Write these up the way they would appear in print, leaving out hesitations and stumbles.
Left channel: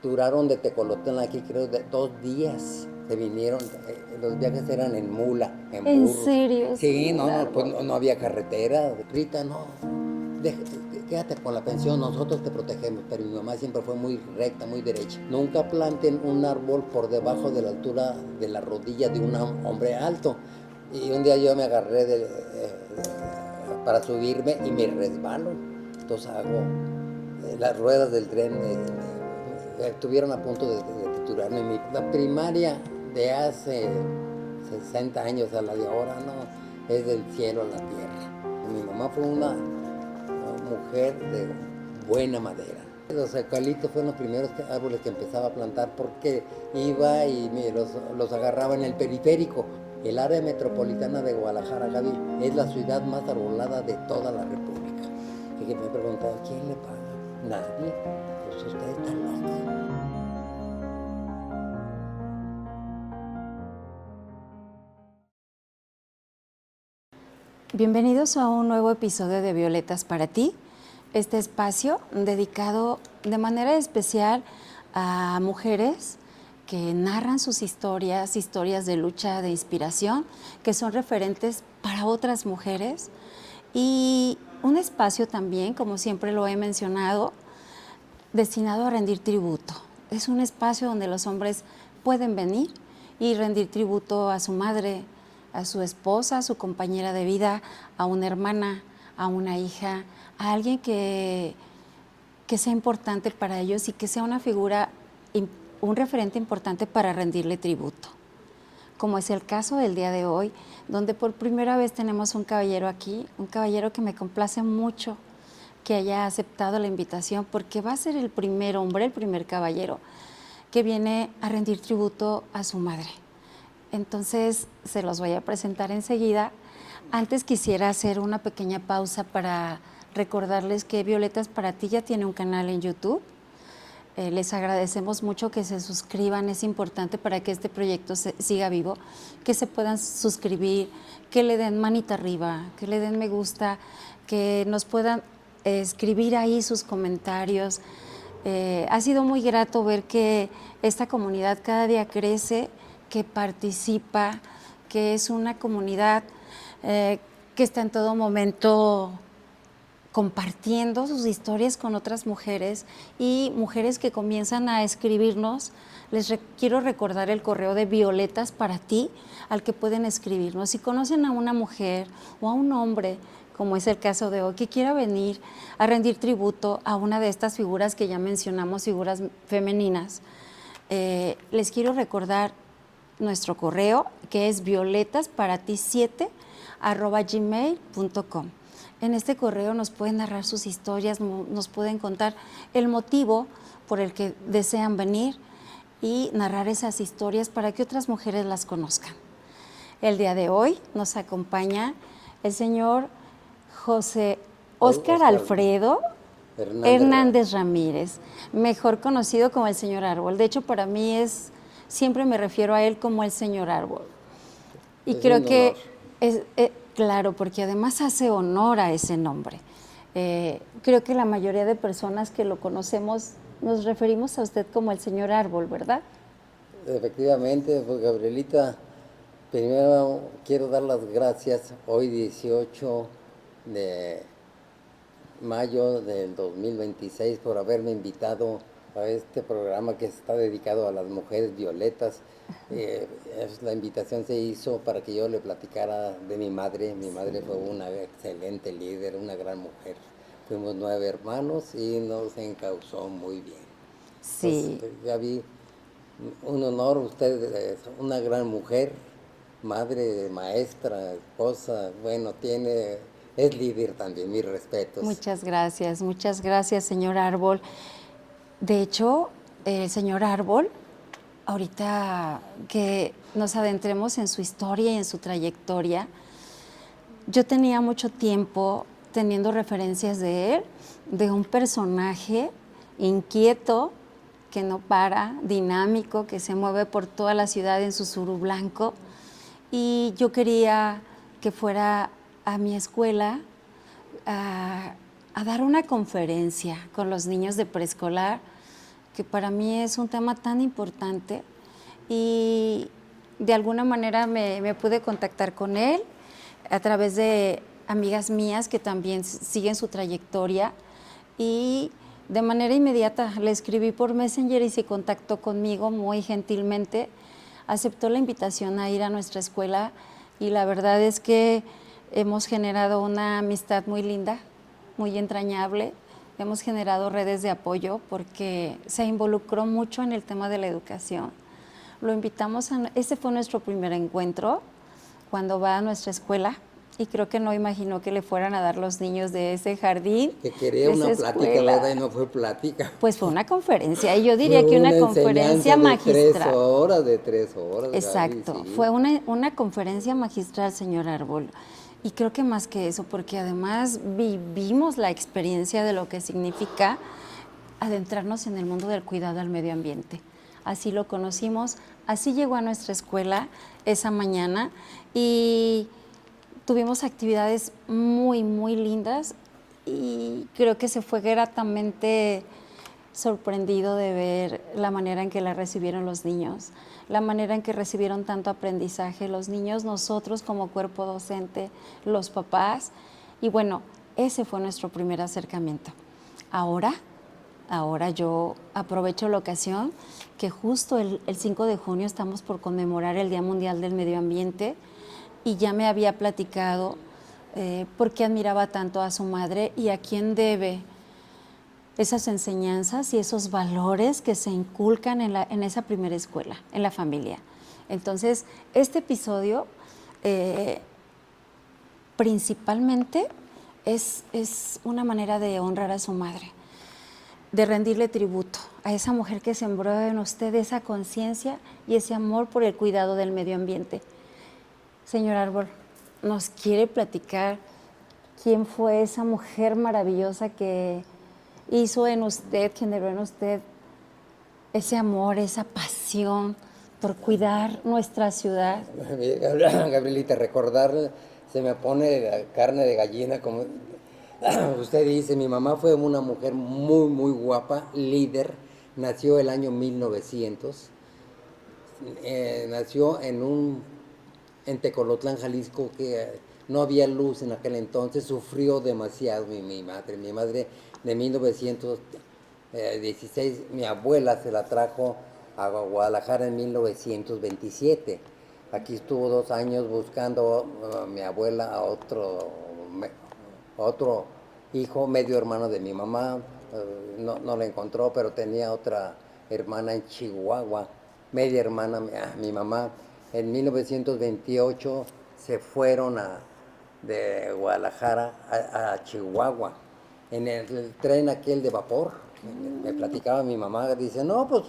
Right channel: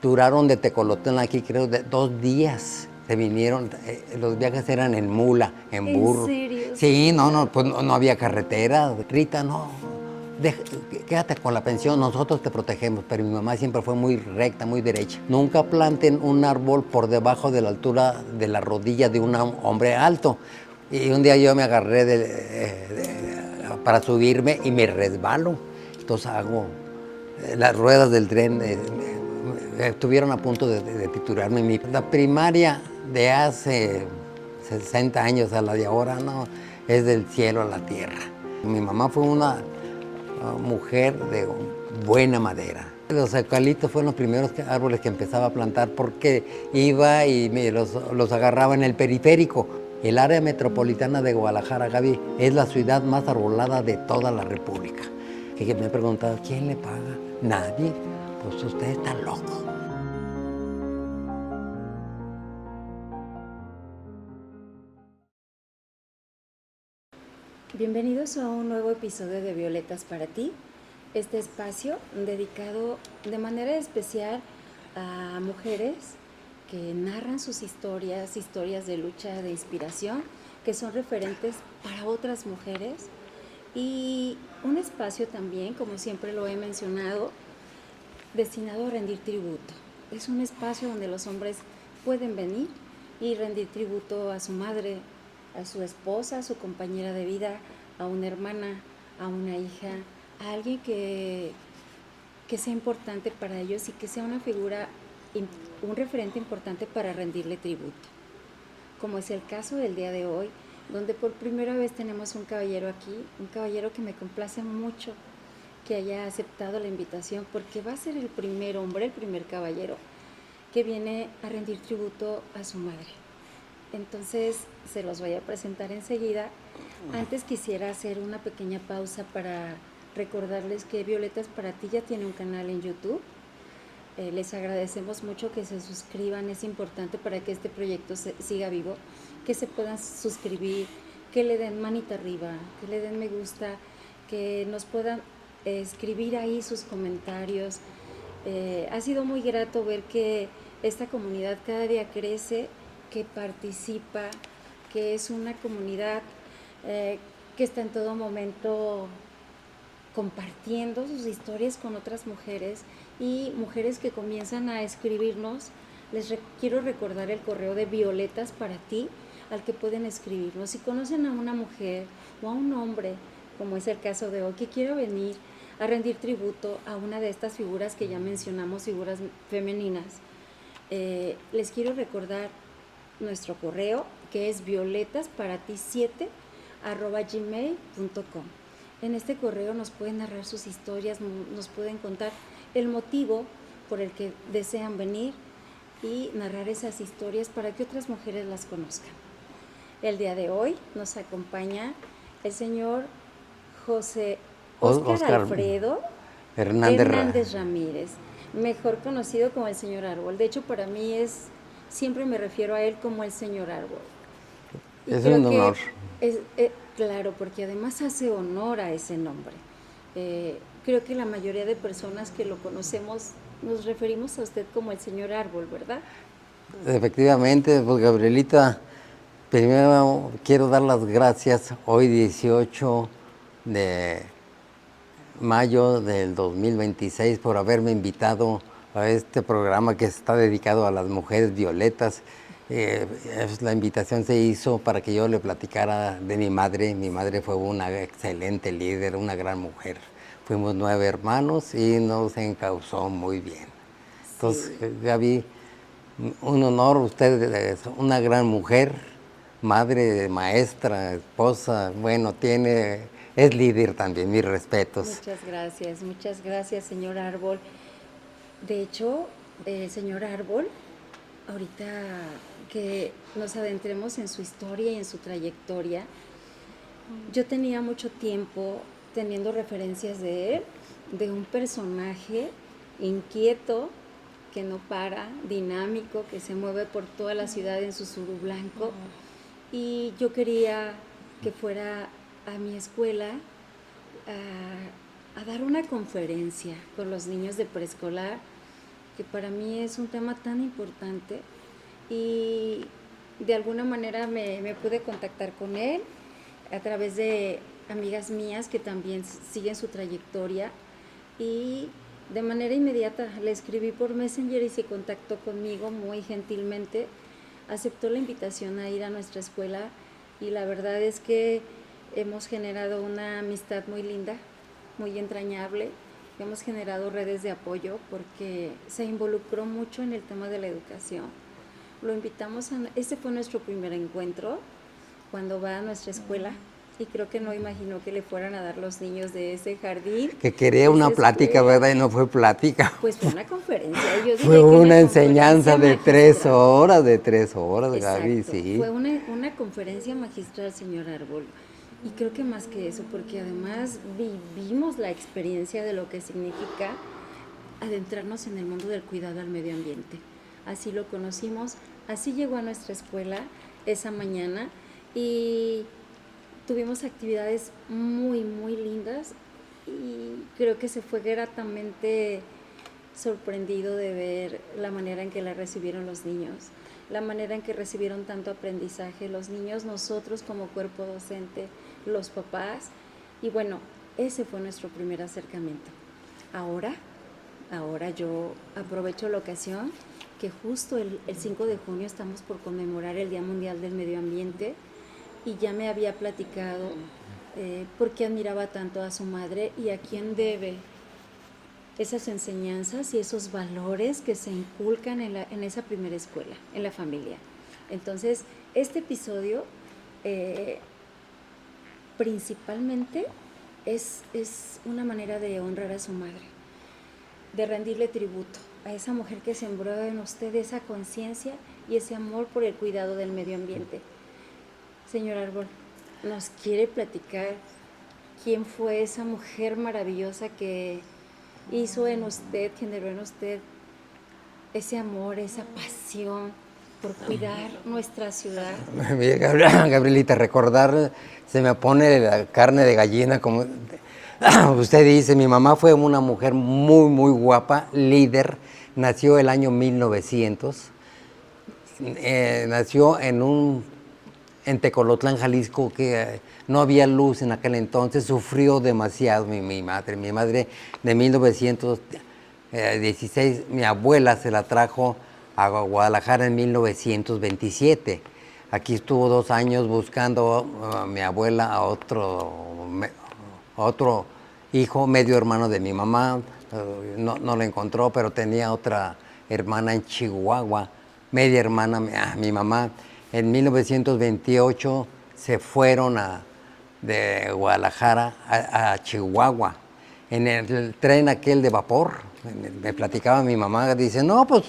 Duraron de Tecolotlán aquí, creo, 2 días. Se vinieron, los viajes eran en mula, en ¿En burro. serio, Sí, señor no, pues Árbol? no había carretera. Rita, no, quédate con la pensión, nosotros te protegemos. Pero mi mamá siempre fue muy recta, muy derecha. Nunca planten un árbol por debajo de la altura de la rodilla de un hombre alto. Y un día yo me agarré para subirme y me resbalo. Entonces hago las ruedas del tren. Estuvieron a punto de triturarme. La primaria de hace 60 años a la de ahora, no, es del cielo a la tierra. Mi mamá fue una mujer de buena madera. Los eucaliptos fueron los primeros árboles que empezaba a plantar porque iba y los agarraba en el periférico. El área metropolitana de Guadalajara, Gaby, es la ciudad más arbolada de toda la República. Y que me preguntaba, ¿quién le paga? Nadie. Pues usted está loco. Bienvenidos a un nuevo episodio de Violetas para ti, este espacio dedicado de manera especial a mujeres que narran sus historias, historias de lucha, de inspiración, que son referentes para otras mujeres, y un espacio también, como siempre lo he mencionado, destinado a rendir tributo. Es un espacio donde los hombres pueden venir y rendir tributo a su madre, a su esposa, a su compañera de vida, a una hermana, a una hija, a alguien que sea importante para ellos y que sea una figura, un referente importante para rendirle tributo. Como es el caso del día de hoy, donde por primera vez tenemos un caballero aquí, un caballero que me complace mucho que haya aceptado la invitación, porque va a ser el primer hombre, el primer caballero, que viene a rendir tributo a su madre. Entonces, se los voy a presentar enseguida. Antes quisiera hacer una pequeña pausa para recordarles que Violetas para ti ya tiene un canal en YouTube. Les agradecemos mucho que se suscriban, es importante para que este proyecto siga vivo, que se puedan suscribir, que le den manita arriba, que le den me gusta, que nos puedan escribir ahí sus comentarios. Ha sido muy grato ver que esta comunidad cada día crece, que participa, que es una comunidad que está en todo momento compartiendo sus historias con otras mujeres y mujeres que comienzan a escribirnos. Quiero recordar el correo de Violetas para ti, al que pueden escribirnos. Si conocen a una mujer o a un hombre, como es el caso de hoy, que quiera venir a rendir tributo a una de estas figuras que ya mencionamos, figuras femeninas, les quiero recordar nuestro correo, que es violetasparati7@gmail.com. En este correo nos pueden narrar sus historias, nos pueden contar el motivo por el que desean venir y narrar esas historias para que otras mujeres las conozcan. El día de hoy nos acompaña el señor José Óscar Alfredo Hernández Ramírez, mejor conocido como el señor Árbol. De hecho, para mí siempre me refiero a él como el señor Árbol. Y es creo un que honor. claro, porque además hace honor a ese nombre. Creo que la mayoría de personas que lo conocemos nos referimos a usted como el señor Árbol, ¿verdad? Efectivamente, pues Gabrielita, primero quiero dar las gracias hoy 18 de mayo del 2026 por haberme invitado a este programa que está dedicado a las mujeres violetas. La invitación se hizo para que yo le platicara de mi madre. Mi madre fue una excelente líder, una gran mujer. Fuimos 9 hermanos y nos encauzó muy bien. Sí. Entonces, Gaby, un honor, usted es una gran mujer, madre, maestra, esposa, bueno, es líder también, mis respetos. Muchas gracias, señor Árbol. De hecho, el señor Árbol, ahorita que nos adentremos en su historia y en su trayectoria, yo tenía mucho tiempo teniendo referencias de él, de un personaje inquieto, que no para, dinámico, que se mueve por toda la ciudad en su suru blanco. Y yo quería que fuera a mi escuela a dar una conferencia con los niños de preescolar, que para mí es un tema tan importante y de alguna manera me pude contactar con él a través de amigas mías que también siguen su trayectoria y de manera inmediata le escribí por Messenger y se contactó conmigo muy gentilmente, aceptó la invitación a ir a nuestra escuela y la verdad es que hemos generado una amistad muy linda, muy entrañable, hemos generado redes de apoyo porque se involucró mucho en el tema de la educación. Lo invitamos este fue nuestro primer encuentro cuando va a nuestra escuela y creo que no imaginó que le fueran a dar los niños de ese jardín. Que quería una plática, ¿verdad? Y no fue plática. Pues fue una conferencia, y yo diría fue que una enseñanza de 3 horas, de 3 horas. Exacto, Gaby, sí. fue una conferencia magistral, señor Árbol. Y creo que más que eso, porque además vivimos la experiencia de lo que significa adentrarnos en el mundo del cuidado al medio ambiente. Así lo conocimos, así llegó a nuestra escuela esa mañana y tuvimos actividades muy, muy lindas y creo que se fue gratamente sorprendido de ver la manera en que la recibieron los niños, la manera en que recibieron tanto aprendizaje los niños, nosotros como cuerpo docente, los papás. Y bueno, ese fue nuestro primer acercamiento. Ahora yo aprovecho la ocasión que justo el 5 de junio estamos por conmemorar el Día Mundial del Medio Ambiente y ya me había platicado por qué admiraba tanto a su madre y a quién debe esas enseñanzas y esos valores que se inculcan en esa primera escuela, en la familia. Entonces, este episodio principalmente es una manera de honrar a su madre, de rendirle tributo a esa mujer que sembró en usted esa conciencia y ese amor por el cuidado del medio ambiente. Señor Árbol, ¿nos quiere platicar quién fue esa mujer maravillosa que hizo en usted, generó en usted ese amor, esa pasión por cuidar nuestra ciudad? Gabrielita, recordar, se me pone la carne de gallina, como usted dice. Mi mamá fue una mujer muy, muy guapa, líder, nació el año 1900, nació en Tecolotlán, Jalisco, que no había luz en aquel entonces, sufrió demasiado mi madre. Mi madre de 1916, mi abuela se la trajo a Guadalajara en 1927. Aquí estuvo 2 años buscando mi abuela a otro hijo, medio hermano de mi mamá. No lo encontró, pero tenía otra hermana en Chihuahua, media hermana, mi mamá. En 1928 se fueron de Guadalajara a Chihuahua, en el tren aquel de vapor. Me platicaba mi mamá, dice, no, pues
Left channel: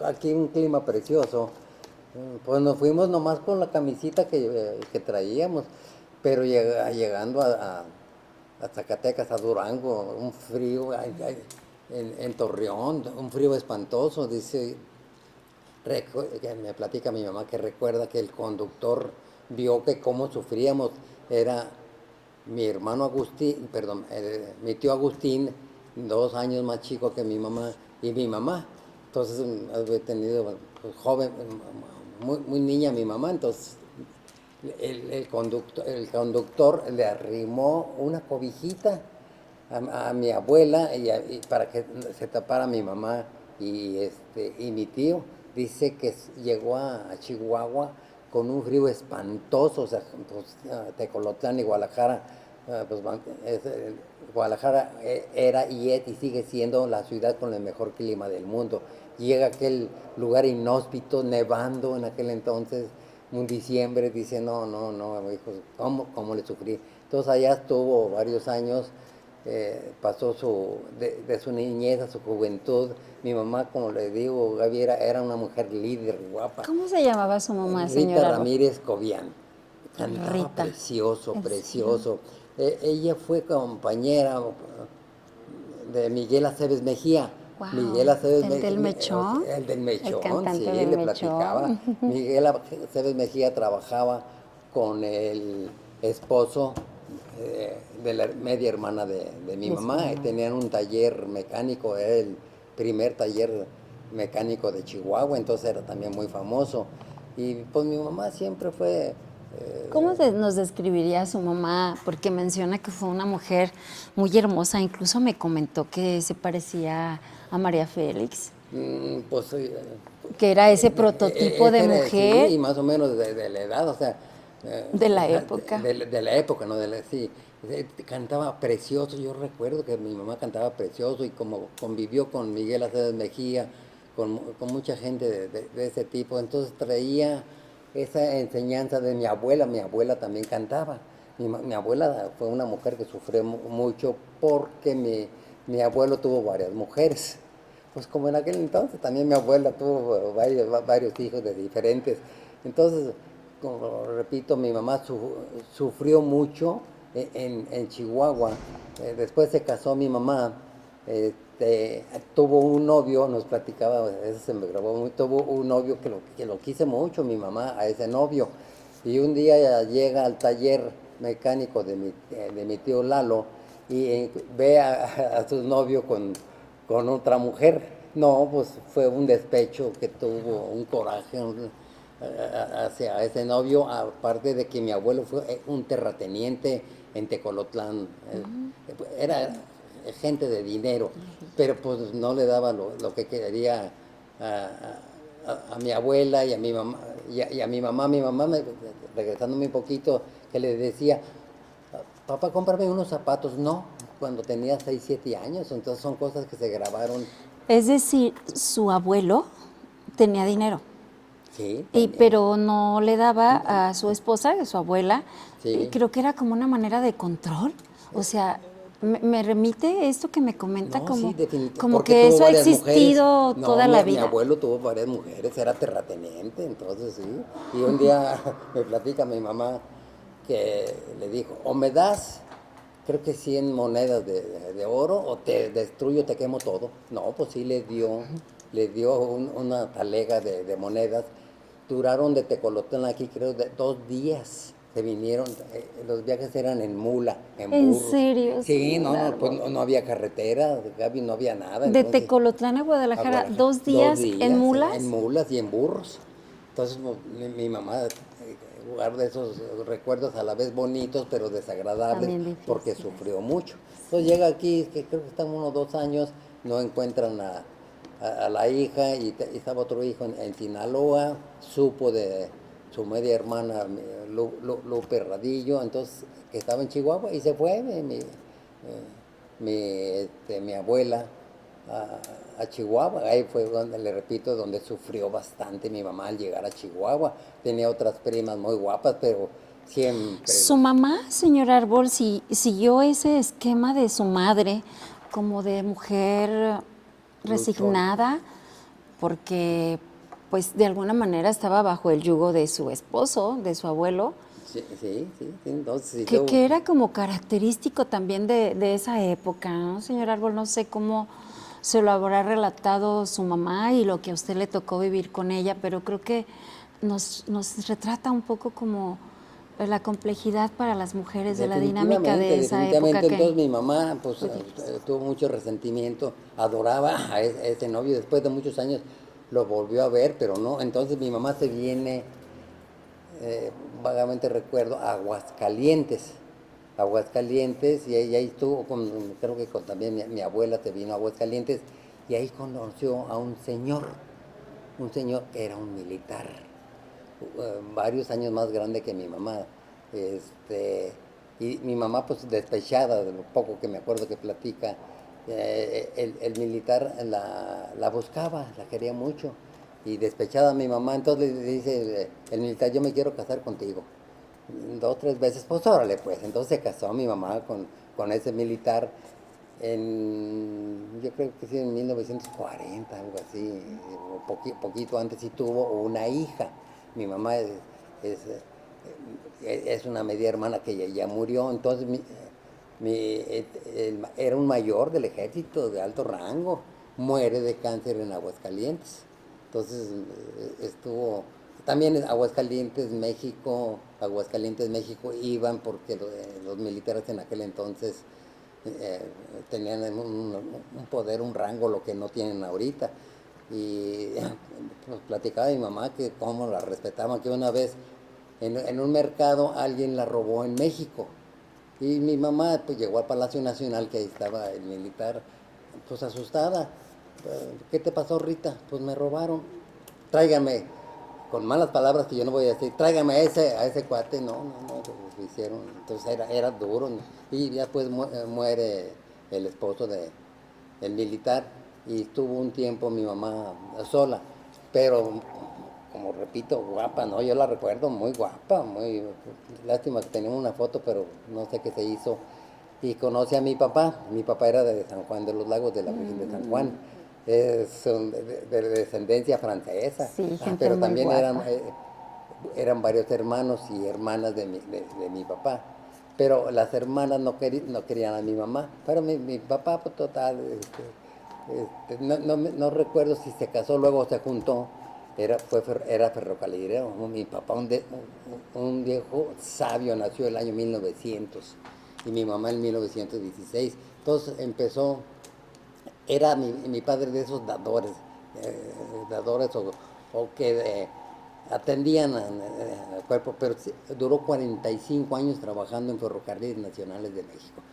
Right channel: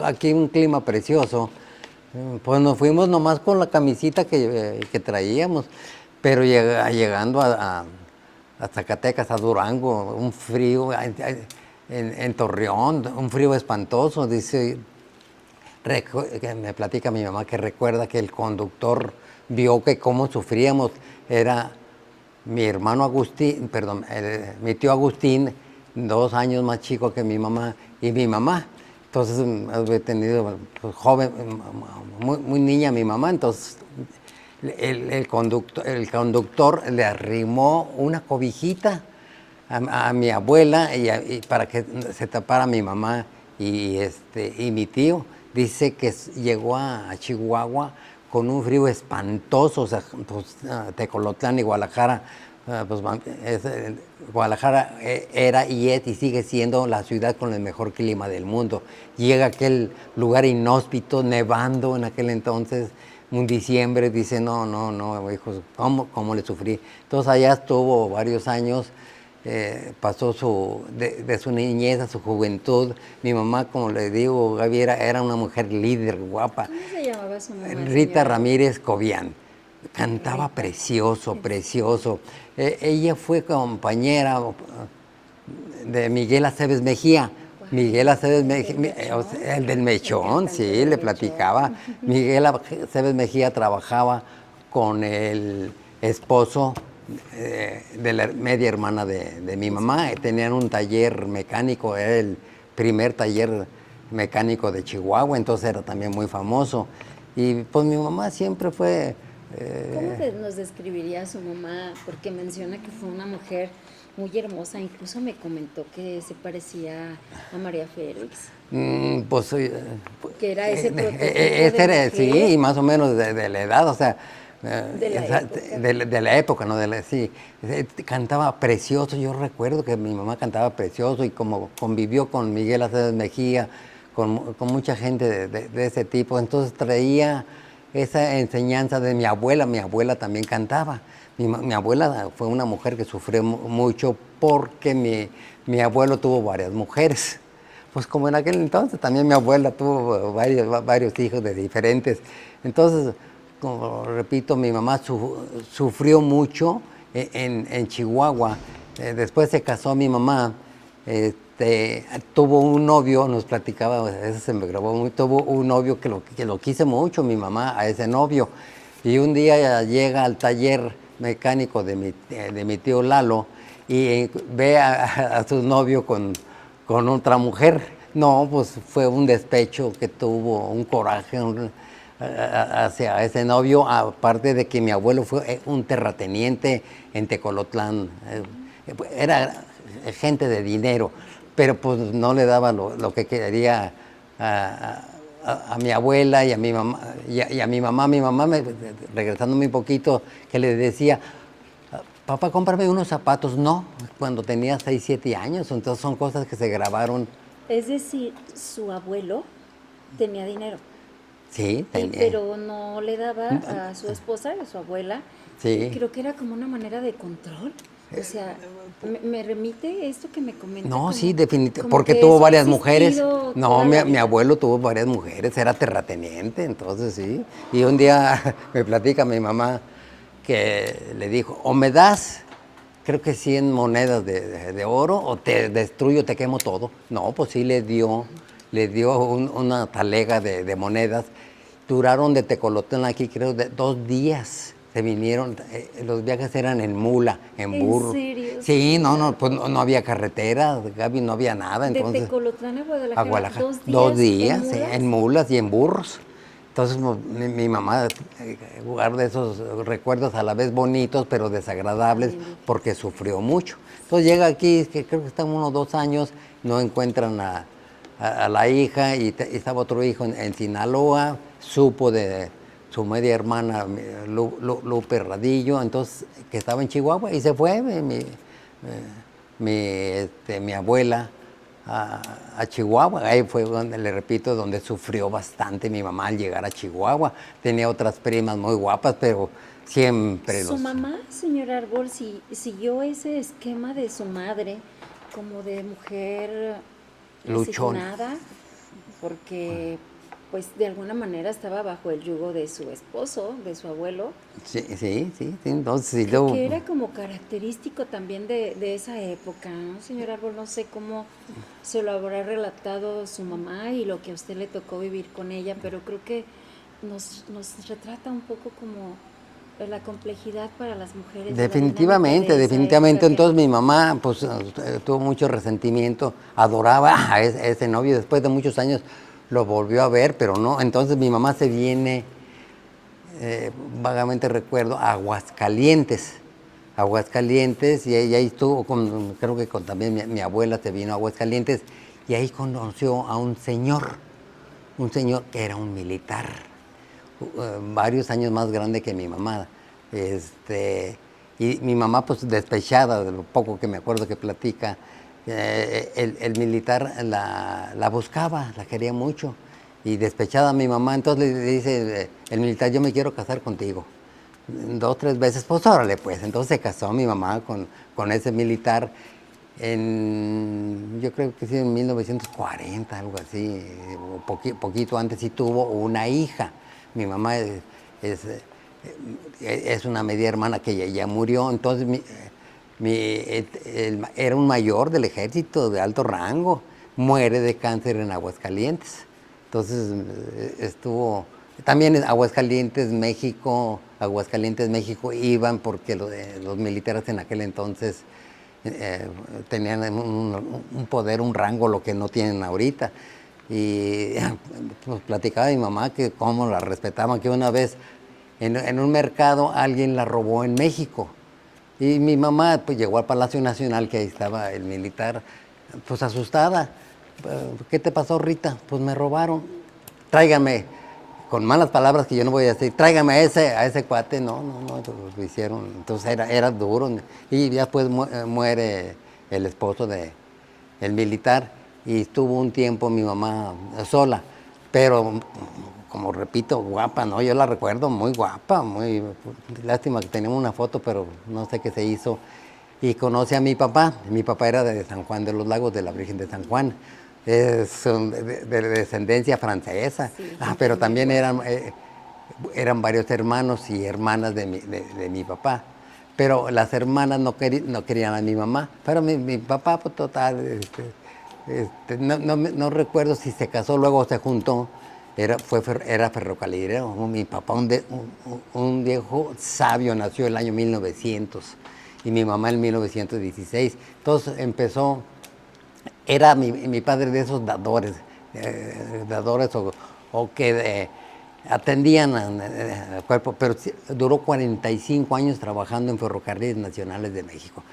aquí un clima precioso. Pues nos fuimos nomás con la camisita que traíamos, pero llegando a Zacatecas, a Durango, un frío, en Torreón, un frío espantoso. Dice, me platica mi mamá que recuerda que el conductor vio que cómo sufríamos. Era mi hermano Agustín, perdón, mi tío Agustín, 2 años más chico que mi mamá, y mi mamá. Entonces, había tenido pues, joven, muy niña mi mamá. Entonces, el conductor le arrimó una cobijita a mi abuela y para que se tapara mi mamá y mi tío. Dice que llegó a Chihuahua con un frío espantoso. O sea, pues, Tecolotlán y Guadalajara, pues, Guadalajara era y es y sigue siendo la ciudad con el mejor clima del mundo. Llega a aquel lugar inhóspito, nevando en aquel entonces, un diciembre. Dice, no, hijos, ¿cómo le sufrí? Entonces allá estuvo varios años. Pasó de su niñez a su juventud. Mi mamá, como le digo, Gaby, era una mujer líder, guapa. ¿Cómo se llamaba su mamá, Rita señora? Ramírez Cobian. Cantaba Rita. precioso. Ella fue compañera de Miguel Aceves Mejía. Wow, Miguel Aceves ¿el del Mejía, Mechón? el del Mechón, El sí, cantante del le Mechón. platicaba. Miguel Aceves Mejía trabajaba con el esposo de la media hermana de mi mamá. Tenían un taller mecánico, era el primer taller mecánico de Chihuahua, entonces era también muy famoso. Y pues mi mamá siempre fue... ¿Cómo nos describiría a su mamá? Porque menciona que fue una mujer muy hermosa, incluso me comentó que se parecía a María Félix, pues que era ese prototipo de era, mujer sí, más o menos de la edad, o sea, de la época. de la época, ¿no? Sí, cantaba precioso, yo recuerdo que mi mamá cantaba precioso y como convivió con Miguel Aceves Mejía, con mucha gente de ese tipo, entonces traía esa enseñanza de mi abuela también cantaba. Mi abuela fue una mujer que sufrió mucho porque mi abuelo tuvo varias mujeres. Pues como en aquel entonces también mi abuela tuvo varios hijos de diferentes. Entonces, como repito, mi mamá sufrió mucho en Chihuahua. Después se casó mi mamá, tuvo un novio, nos platicaba, eso se me grabó muy, tuvo un novio que lo quise mucho, mi mamá, a ese novio. Y un día llega al taller mecánico de mi tío Lalo y ve a su novio con otra mujer. No, pues fue un despecho que tuvo, un coraje hacia ese novio, aparte de que mi abuelo fue un terrateniente en Tecolotlán. Era gente de dinero, pero pues no le daba lo que quería a mi abuela y a mi mamá. Y a mi mamá, regresándome un poquito, que le decía, papá, cómprame unos zapatos. No, cuando tenía 6, 7 años. Entonces son cosas que se grabaron. Es decir, su abuelo tenía dinero, Sí, tenía. pero no le daba a su esposa, a su abuela. Sí. Creo que era como una manera de control. O sea, me remite esto que me comenta No, como, sí, definitivamente. como Porque que tuvo eso ha varias mujeres. existido No, toda la mi vida. abuelo tuvo varias mujeres, era terrateniente, entonces sí. Y un día me platica mi mamá que le dijo, o me das, creo que 100 monedas de oro, o te destruyo, te quemo todo. No, pues sí le dio una talega de monedas. Duraron de Tecolotlán aquí, creo, 2 días. Se vinieron, los viajes eran en mula, en ¿En burros. serio, Sí, señor no, pues Árbol? no había carretera, Gaby, no había nada, De entonces Tecolotlán a a Guadalajara, Guadalajara. 2 2 días en días, sí, en mulas. mulas y en burros. Entonces mi mamá guarda esos recuerdos a la vez bonitos, pero desagradables, También difícil. porque sufrió mucho. Entonces llega aquí, que creo que están unos 2 años, no encuentran a la hija y estaba otro hijo en Sinaloa, supo de su media hermana Lupe Radillo, entonces que estaba en Chihuahua y se fue mi abuela a Chihuahua. Ahí fue donde, le repito, donde sufrió bastante mi mamá al llegar a Chihuahua. Tenía otras primas muy guapas, pero siempre Su mamá, señor Árbol, siguió ese esquema de su madre, como de mujer luchó. resignada, porque pues de alguna manera estaba bajo el yugo de su esposo, de su abuelo, Sí, sí, sí, sí. Entonces, sí, que era como característico también de esa época, ¿no, señor Árbol? No sé cómo se lo habrá relatado su mamá y lo que a usted le tocó vivir con ella, pero creo que nos retrata un poco como la complejidad para las mujeres de la dinámica definitivamente, de esa época definitivamente. que Entonces mi mamá pues tuvo mucho resentimiento, adoraba a ese novio, después de muchos años lo volvió a ver, pero no. Entonces mi mamá se viene, vagamente recuerdo, a Aguascalientes, y ahí estuvo, creo que también mi abuela se vino a Aguascalientes, y ahí conoció a un señor que era un militar, varios años más grande que mi mamá. Y mi mamá, pues despechada de lo poco que me acuerdo que platica, el militar la buscaba, la quería mucho. Y despechada mi mamá, entonces le dice el militar, yo me quiero casar contigo. 2, 3 veces, pues órale pues. Entonces se casó mi mamá con ese militar yo creo que sí, en 1940, algo así, o poquito antes, sí tuvo una hija. Mi mamá es, es una media hermana que ya murió, entonces era un mayor del ejército de alto rango, muere de cáncer en Aguascalientes. Entonces estuvo, también en Aguascalientes, México iban porque los militares en aquel entonces tenían un poder, un rango, lo que no tienen ahorita. Y pues platicaba mi mamá que cómo la respetaban, que una vez en un mercado alguien la robó en México. Y mi mamá pues llegó al Palacio Nacional, que ahí estaba el militar, pues asustada. ¿Qué te pasó, Rita? Pues me robaron. Tráigame, con malas palabras que yo no voy a decir, tráigame a ese cuate. No, lo hicieron. Entonces era duro. Y después muere el esposo del militar y estuvo un tiempo mi mamá sola. Pero, como repito, guapa, ¿no? Yo la recuerdo muy guapa, muy... Lástima que tenemos una foto, pero no sé qué se hizo. Y conoce a mi papá. Mi papá era de San Juan de los Lagos, de la Virgen de San Juan. Son de descendencia francesa. Sí, gente Pero muy también guapa. eran varios hermanos y hermanas de mi papá. Pero las hermanas no querían a mi mamá. Pero mi papá, pues total, no recuerdo si se casó, luego se juntó. Era ferrocarrilero. Mi papá, un viejo sabio, nació el año 1900 y mi mamá en 1916. Entonces empezó, era mi padre de esos dadores o que atendían al cuerpo, pero duró 45 años trabajando en Ferrocarriles Nacionales de México.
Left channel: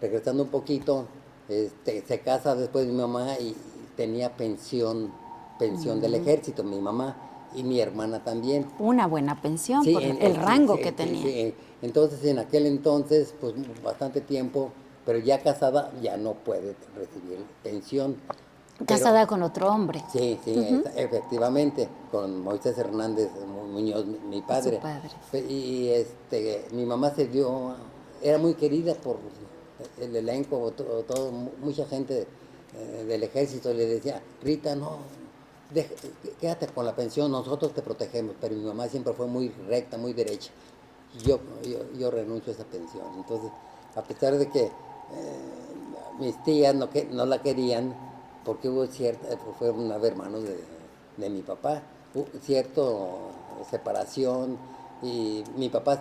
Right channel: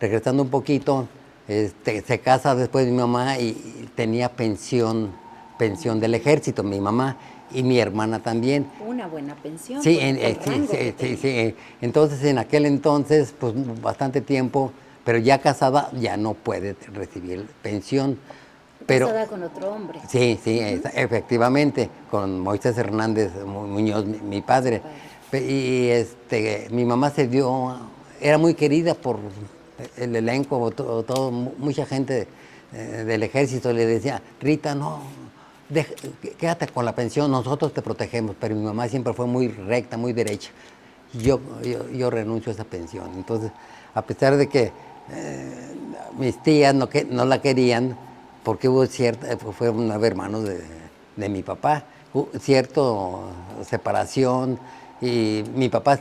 Regresando un poquito, se casa después mi mamá y tenía pensión del ejército, mi mamá y mi hermana también. Una buena pensión Sí, por el rango que sí, tenía. sí. Entonces, en aquel entonces, pues bastante tiempo, pero ya casada ya no puede recibir pensión. Pero, Casada con otro hombre. sí, efectivamente, con Moisés Hernández Muñoz, mi padre. Y mi mamá era muy querida por el elenco, mucha gente del ejército le decía, Rita, no, quédate con la pensión, nosotros te protegemos. Pero mi mamá siempre fue muy recta, muy derecha. Yo renuncio a esa pensión. Entonces, a pesar de que mis tías no la querían, porque fueron 9 hermanos de mi papá, hubo cierta separación, y mi papá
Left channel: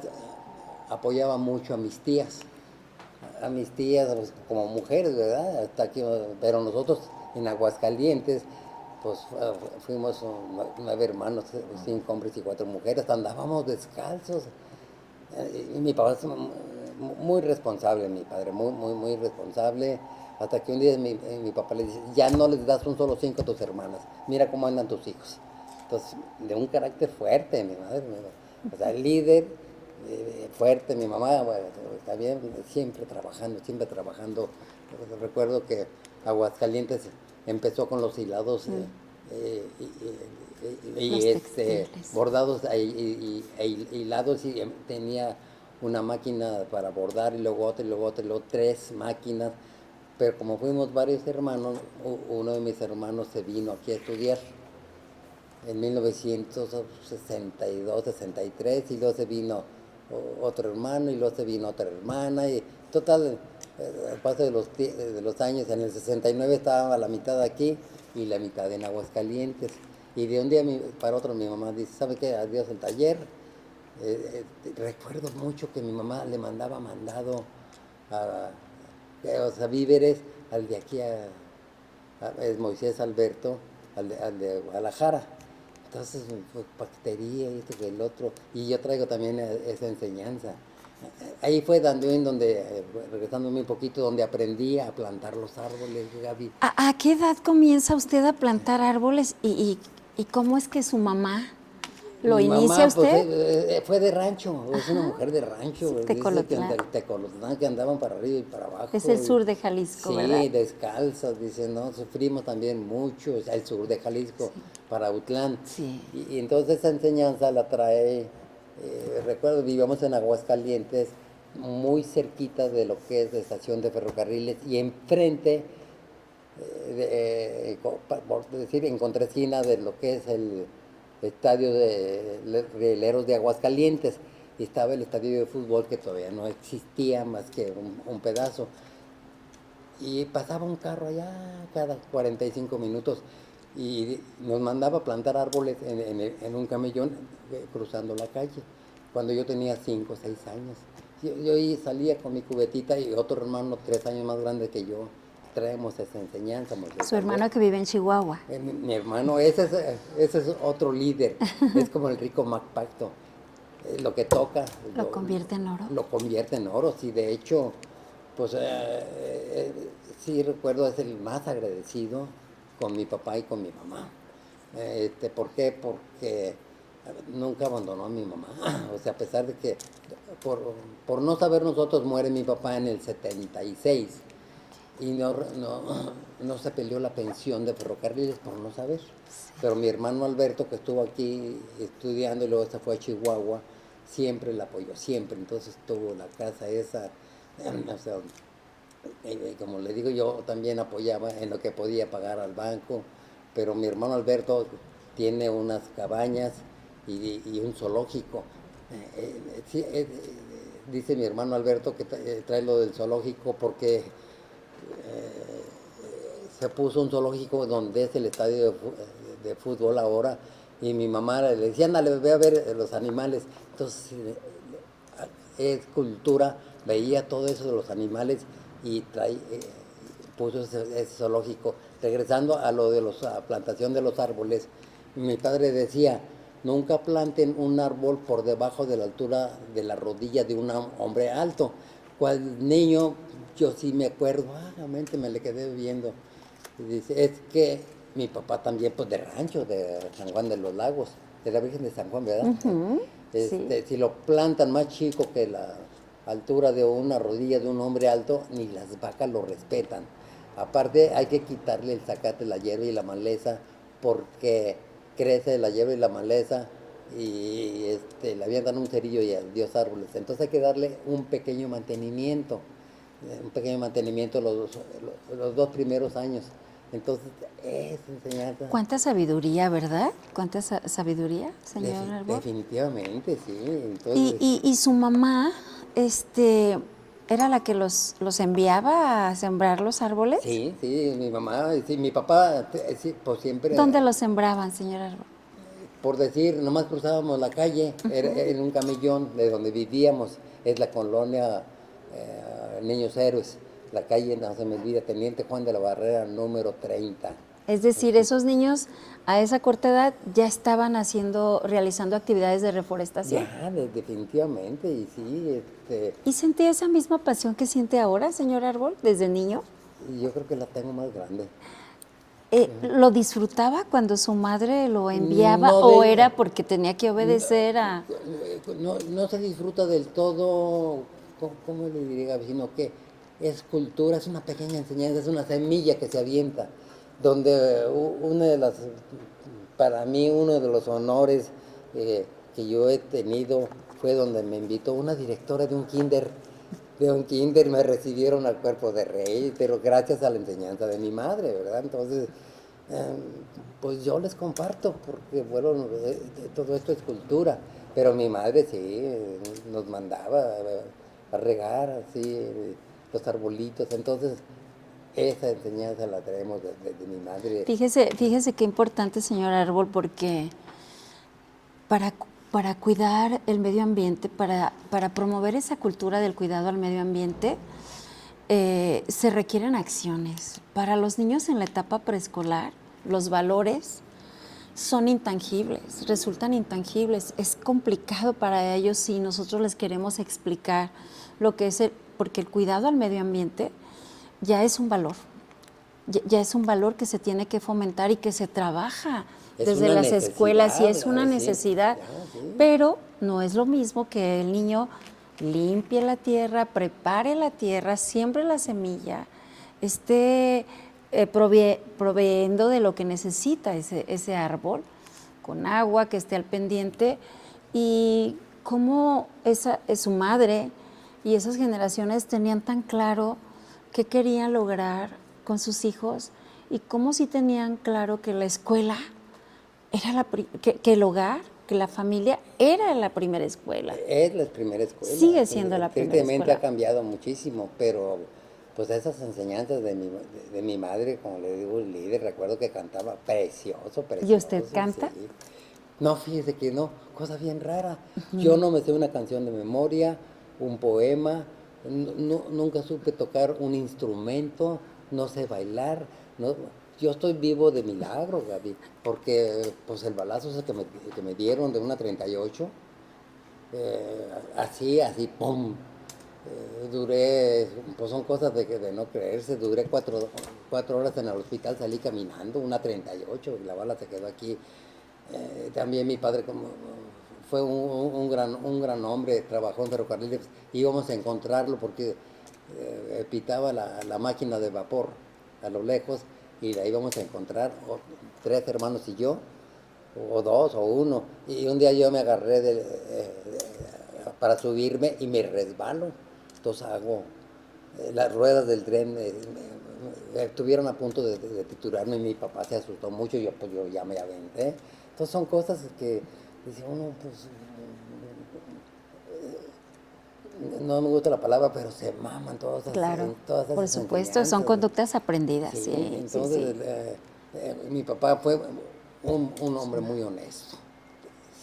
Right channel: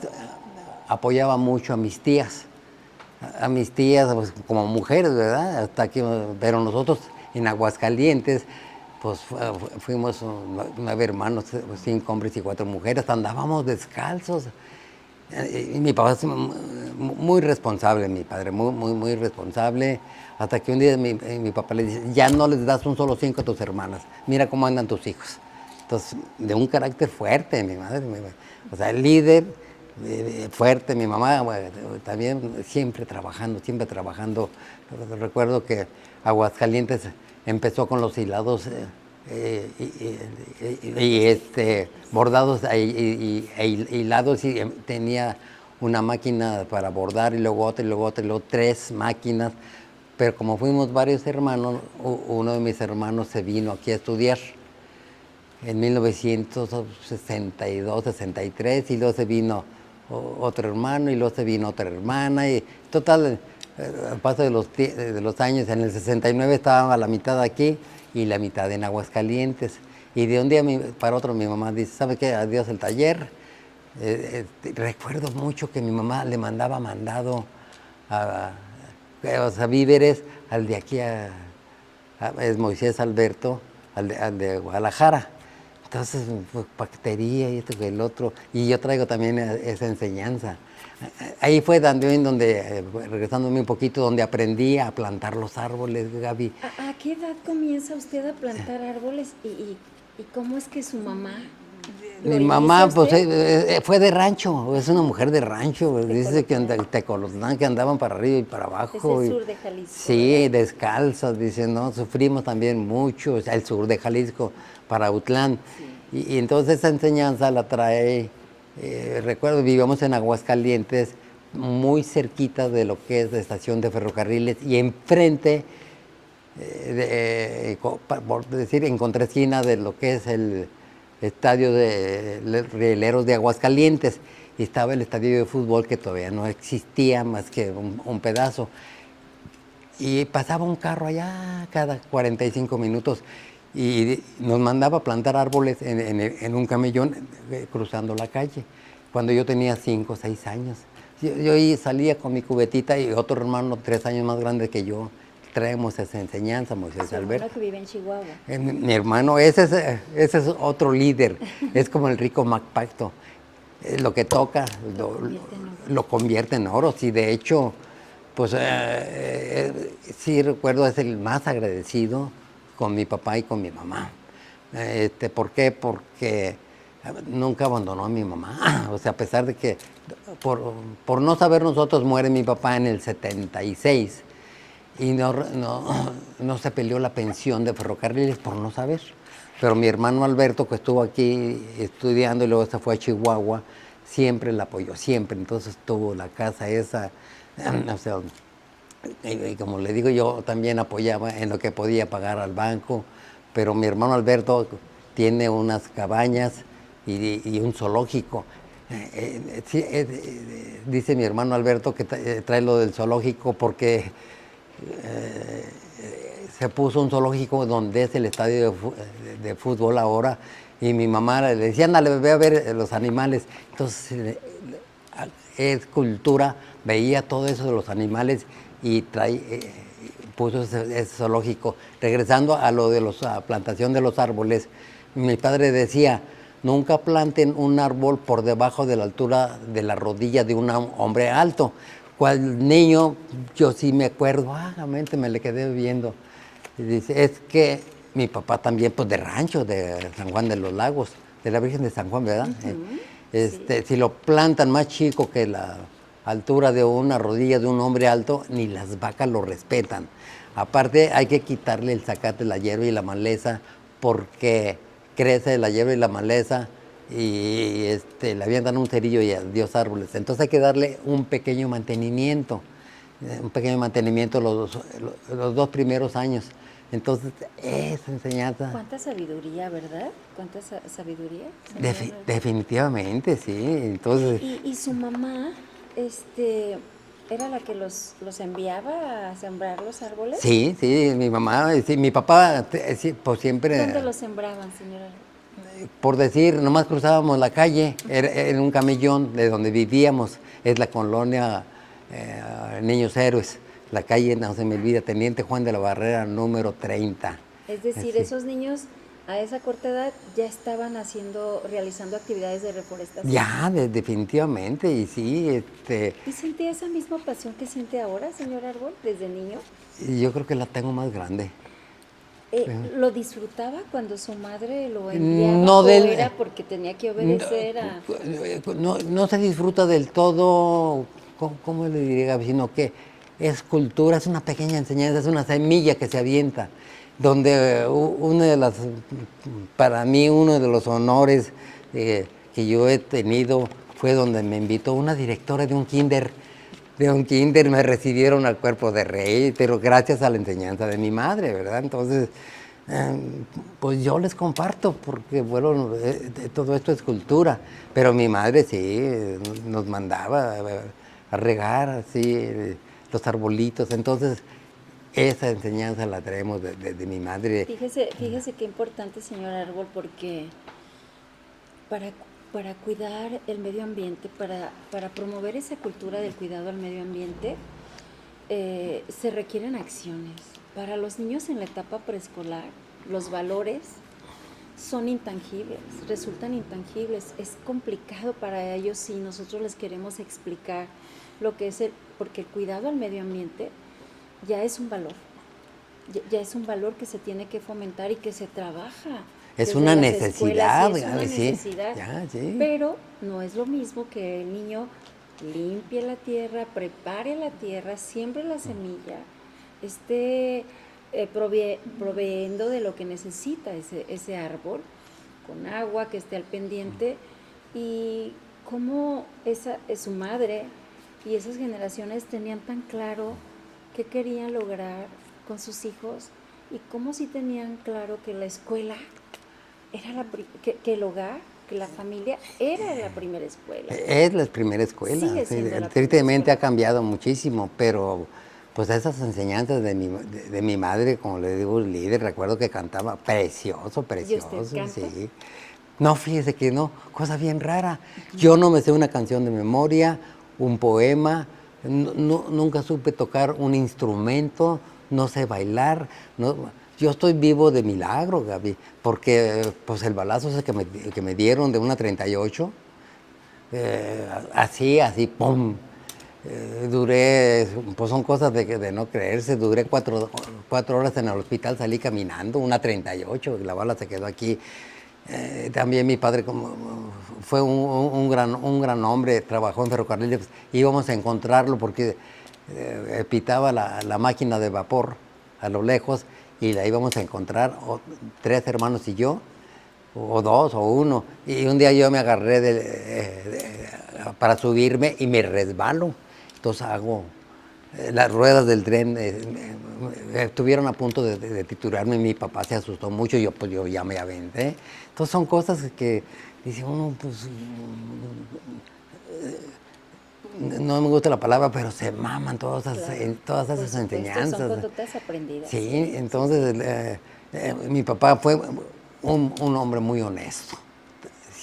apoyaba mucho a mis tías pues, como mujeres, ¿verdad? Pero nosotros en Aguascalientes, pues fuimos 9 hermanos, 5 hombres y 4 mujeres, andábamos descalzos. Y mi papá es muy responsable, mi padre, muy responsable, hasta que un día mi papá le dice, ya no les das un solo 5 a tus hermanas, mira cómo andan tus hijos. Entonces, de un carácter fuerte, mi madre, o sea, el líder, fuerte, mi mamá, bueno, también siempre trabajando. Recuerdo que Aguascalientes empezó con los hilados bordados e hilados, y tenía una máquina para bordar y luego otra y luego otra y luego 3 máquinas. Pero como fuimos varios hermanos, uno de mis hermanos se vino aquí a estudiar en 1962, 63, y luego se vino otro hermano y luego se vino otra hermana, y total, al paso de los años, en el 69 estaba a la mitad aquí y la mitad en Aguascalientes. Y de un día para otro mi mamá dice, ¿sabe qué? Adiós el taller. Recuerdo mucho que mi mamá le mandaba mandado o sea, víveres al de aquí es Moisés Alberto, al de Guadalajara. Entonces, pues, paquetería y esto y el otro. Y yo traigo también esa enseñanza. Ahí fue también donde, regresándome un poquito, donde aprendí a plantar los árboles, Gaby. ¿A qué edad comienza usted a plantar árboles y cómo es que su mamá lo Mi inicia mamá, usted? pues, fue de rancho, es una mujer de rancho. Dice que Tecolotlán. Tecolotlán, que andaban para arriba y para abajo. Es el sur de Jalisco, Sí, ¿verdad? descalzas, dice, no, sufrimos también mucho, o sea, el sur de Jalisco, para Utlán. Sí. Y entonces esa enseñanza la trae, recuerdo, vivíamos en Aguascalientes, muy cerquita de lo que es la estación de ferrocarriles, y enfrente, por decir, en contraesquina de lo que es el estadio de Rieleros de Aguascalientes, y estaba el estadio de fútbol, que todavía no existía más que un pedazo. Y pasaba un carro allá cada 45 minutos y nos mandaba a plantar árboles en un camellón cruzando la calle, cuando yo tenía 5 o 6 años. O Yo ahí salía con mi cubetita y otro hermano 3 años más grande que yo, traemos esa enseñanza, Moisés Su hermano Alberto. que vive en Chihuahua. Mi hermano, ese es otro líder, es como el rico MacPacto. Lo que toca Lo convierte en oro. lo convierte en oro. Sí, de hecho, pues sí recuerdo, es el más agradecido con mi papá y con mi mamá. ¿Por qué? Porque nunca abandonó a mi mamá. O sea, a pesar de que por no saber nosotros muere mi papá en el 76 y no se peleó la pensión de ferrocarriles por no saber. Pero mi hermano Alberto, que estuvo aquí estudiando y luego se fue a Chihuahua, siempre la apoyó, siempre. Entonces tuvo la casa esa, o sea, y como le digo, yo también apoyaba en lo que podía pagar al banco, pero mi hermano Alberto tiene unas cabañas y un zoológico. Sí, dice mi hermano Alberto que trae lo del zoológico porque se puso un zoológico donde es el estadio de fútbol ahora, y mi mamá le decía, ándale, ve a ver los animales. Entonces, es cultura, veía todo eso de los animales y puso ese zoológico. Regresando a lo de la plantación de los árboles, mi padre decía, nunca planten un árbol por debajo de la altura de la rodilla de un hombre alto. Cual niño, yo sí me acuerdo, vagamente me le quedé viendo. Y dice, es que mi papá también, pues de rancho, de San Juan de los Lagos, de la Virgen de San Juan, ¿verdad? Sí. Si lo plantan más chico que la altura de una rodilla de un hombre alto, ni las vacas lo respetan. Aparte, hay que quitarle el zacate, la hierba y la maleza, porque crece la hierba y la maleza y le avientan un cerillo y adiós árboles. Entonces hay que darle un pequeño mantenimiento los 2 primeros años. Entonces, esa enseñanza... Cuánta sabiduría, ¿verdad? Cuánta sabiduría. Definitivamente, sí. Entonces, Y su mamá, ¿era la que los enviaba a sembrar los árboles? sí, mi mamá, sí, mi papá, sí, pues siempre... ¿Dónde los sembraban, señor Árbol? Por decir, nomás cruzábamos la calle, era en un camellón de donde vivíamos, es la colonia Niños Héroes, la calle, no se me olvida, Teniente Juan de la Barrera, número 30. Es decir, esos niños a esa corta edad ya estaban realizando actividades de reforestación. Ya, definitivamente, y sí, ¿Y sentía esa misma pasión que siente ahora, señor Árbol, desde niño? yo creo que la tengo más grande. ¿Lo disfrutaba cuando su madre lo enviaba No o era porque tenía que obedecer no se disfruta del todo, ¿cómo le diría, sino que es cultura, es una pequeña enseñanza, es una semilla que se avienta, donde para mí uno de los honores que yo he tenido fue donde me invitó una directora de un kinder. Me recibieron al cuerpo de rey, pero gracias a la enseñanza de mi madre, ¿verdad? Entonces, pues yo les comparto, porque bueno, todo esto es cultura, pero mi madre sí, nos mandaba a regar así los arbolitos, entonces esa enseñanza la traemos de mi madre. Fíjese qué importante, señor Árbol, porque para cuidar el medio ambiente, para promover esa cultura del cuidado al medio ambiente, se requieren acciones. Para los niños en la etapa preescolar, los valores son intangibles, resultan intangibles. Es complicado para ellos si nosotros les queremos explicar lo que es porque el cuidado al medio ambiente ya es un valor. Ya es un valor que se tiene que fomentar y que se trabaja desde las escuelas, y es una necesidad, sí. Pero no es lo mismo que el niño limpie la tierra, prepare la tierra, siembre la semilla, esté proveyendo de lo que necesita ese árbol, con agua, que esté al pendiente, y cómo su madre y esas generaciones tenían tan claro qué querían lograr con sus hijos y cómo sí tenían claro que la escuela era que el hogar, que la familia era la primera escuela. Es la primera escuela. Sigue siendo la primera tristemente escuela. ha cambiado muchísimo, pero pues esas enseñanzas de mi madre, como le digo, líder, recuerdo que cantaba precioso. ¿Y usted canta? Sí. No, fíjese que no, cosa bien rara. Yo no me sé una canción de memoria, un poema, nunca supe tocar un instrumento, no sé bailar. Yo estoy vivo de milagro, Gaby, porque pues el balazo ese que me dieron de una 38, así, pum. Duré, pues son cosas de no creerse, duré 4 horas en el hospital, salí caminando, una 38, la bala se quedó aquí. También mi padre fue un gran hombre, trabajó en ferrocarriles, íbamos a encontrarlo porque pitaba la máquina de vapor a lo lejos y la íbamos a encontrar, 3 hermanos y yo, o 2 o 1, y un día yo me agarré para subirme y me resbalo. Entonces las ruedas del tren estuvieron a punto de triturarme y mi papá se asustó mucho y yo ya me aventé. Entonces son cosas que dice uno, pues, no me gusta la palabra, pero se maman todas esas Por supuesto, enseñanzas. son conductas aprendidas. Sí, entonces mi papá fue un hombre muy honesto.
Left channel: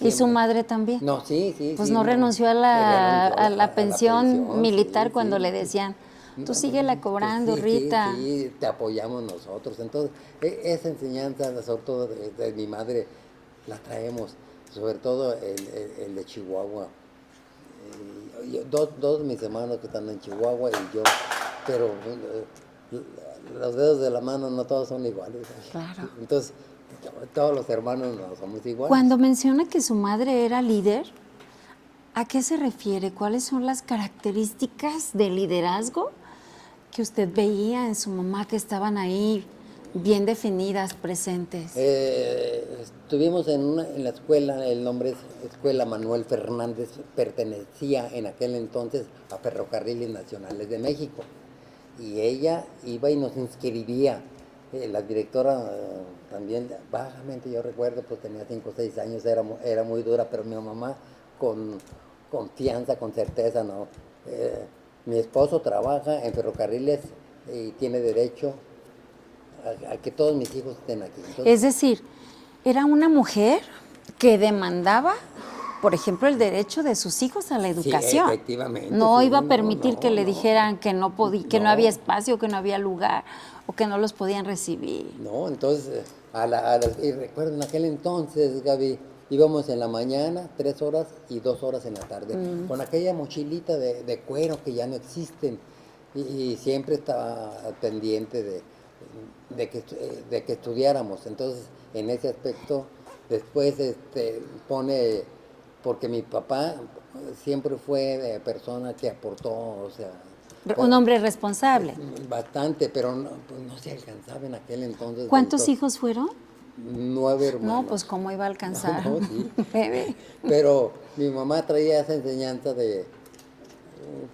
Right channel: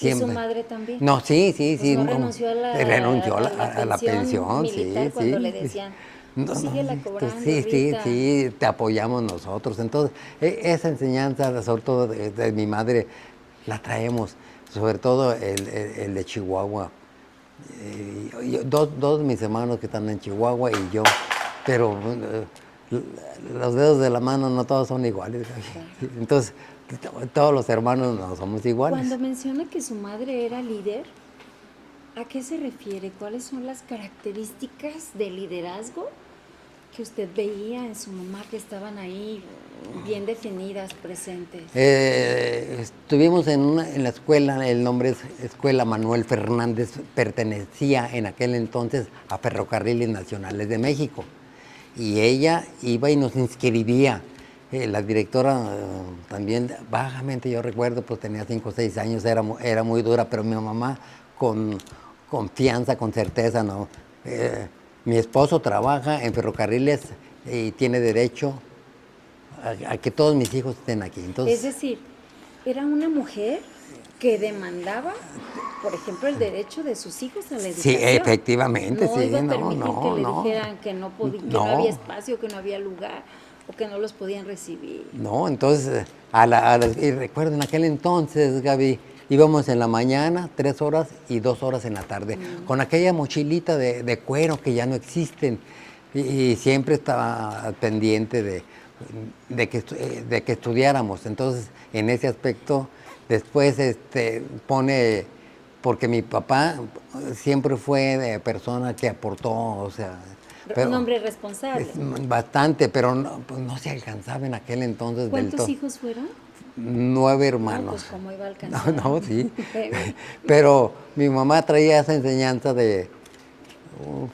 ¿Y su madre también? No, sí. Pues no renunció a la pensión militar cuando le decían, tú síguela cobrando, sí, Rita. Sí, te apoyamos nosotros. Entonces, esa enseñanza, sobre todo de mi madre, la traemos, sobre todo el de Chihuahua. Dos de mis hermanos que están en Chihuahua y yo, pero los dedos de la mano no todos son iguales. Claro. Entonces, todos los hermanos no somos iguales. Cuando menciona que su madre era líder, ¿a qué se refiere? ¿Cuáles son las características de liderazgo que usted veía en su mamá que estaban ahí bien definidas, presentes? Estuvimos en la escuela, el nombre es Escuela Manuel Fernández, pertenecía en aquel entonces a Ferrocarriles Nacionales de México. Y ella iba y nos inscribía. La directora también, vagamente yo recuerdo, pues tenía 5 o 6 años, era muy dura, pero mi mamá con confianza, con certeza, ¿no? Mi esposo trabaja en ferrocarriles y tiene derecho a que todos mis hijos estén aquí. Entonces, es decir, era una mujer que demandaba, por ejemplo, el derecho de sus hijos a la educación. Sí, efectivamente. No sí, iba a permitir que le dijeran que no podía, que no había espacio, que no había lugar o que no los podían recibir. No, entonces, y recuerdo en aquel entonces, Gaby, íbamos en la mañana 3 horas y 2 horas en la tarde, con aquella mochilita de cuero que ya no existen, y siempre estaba pendiente de que estudiáramos. Entonces, en ese aspecto, después pone, porque mi papá siempre fue persona que aportó, o sea... Un hombre responsable. Bastante, pero no se alcanzaba en aquel entonces. ¿Cuántos hijos fueron? 9 hermanos. No, pues cómo iba a alcanzar. No, sí. Pero mi mamá traía esa enseñanza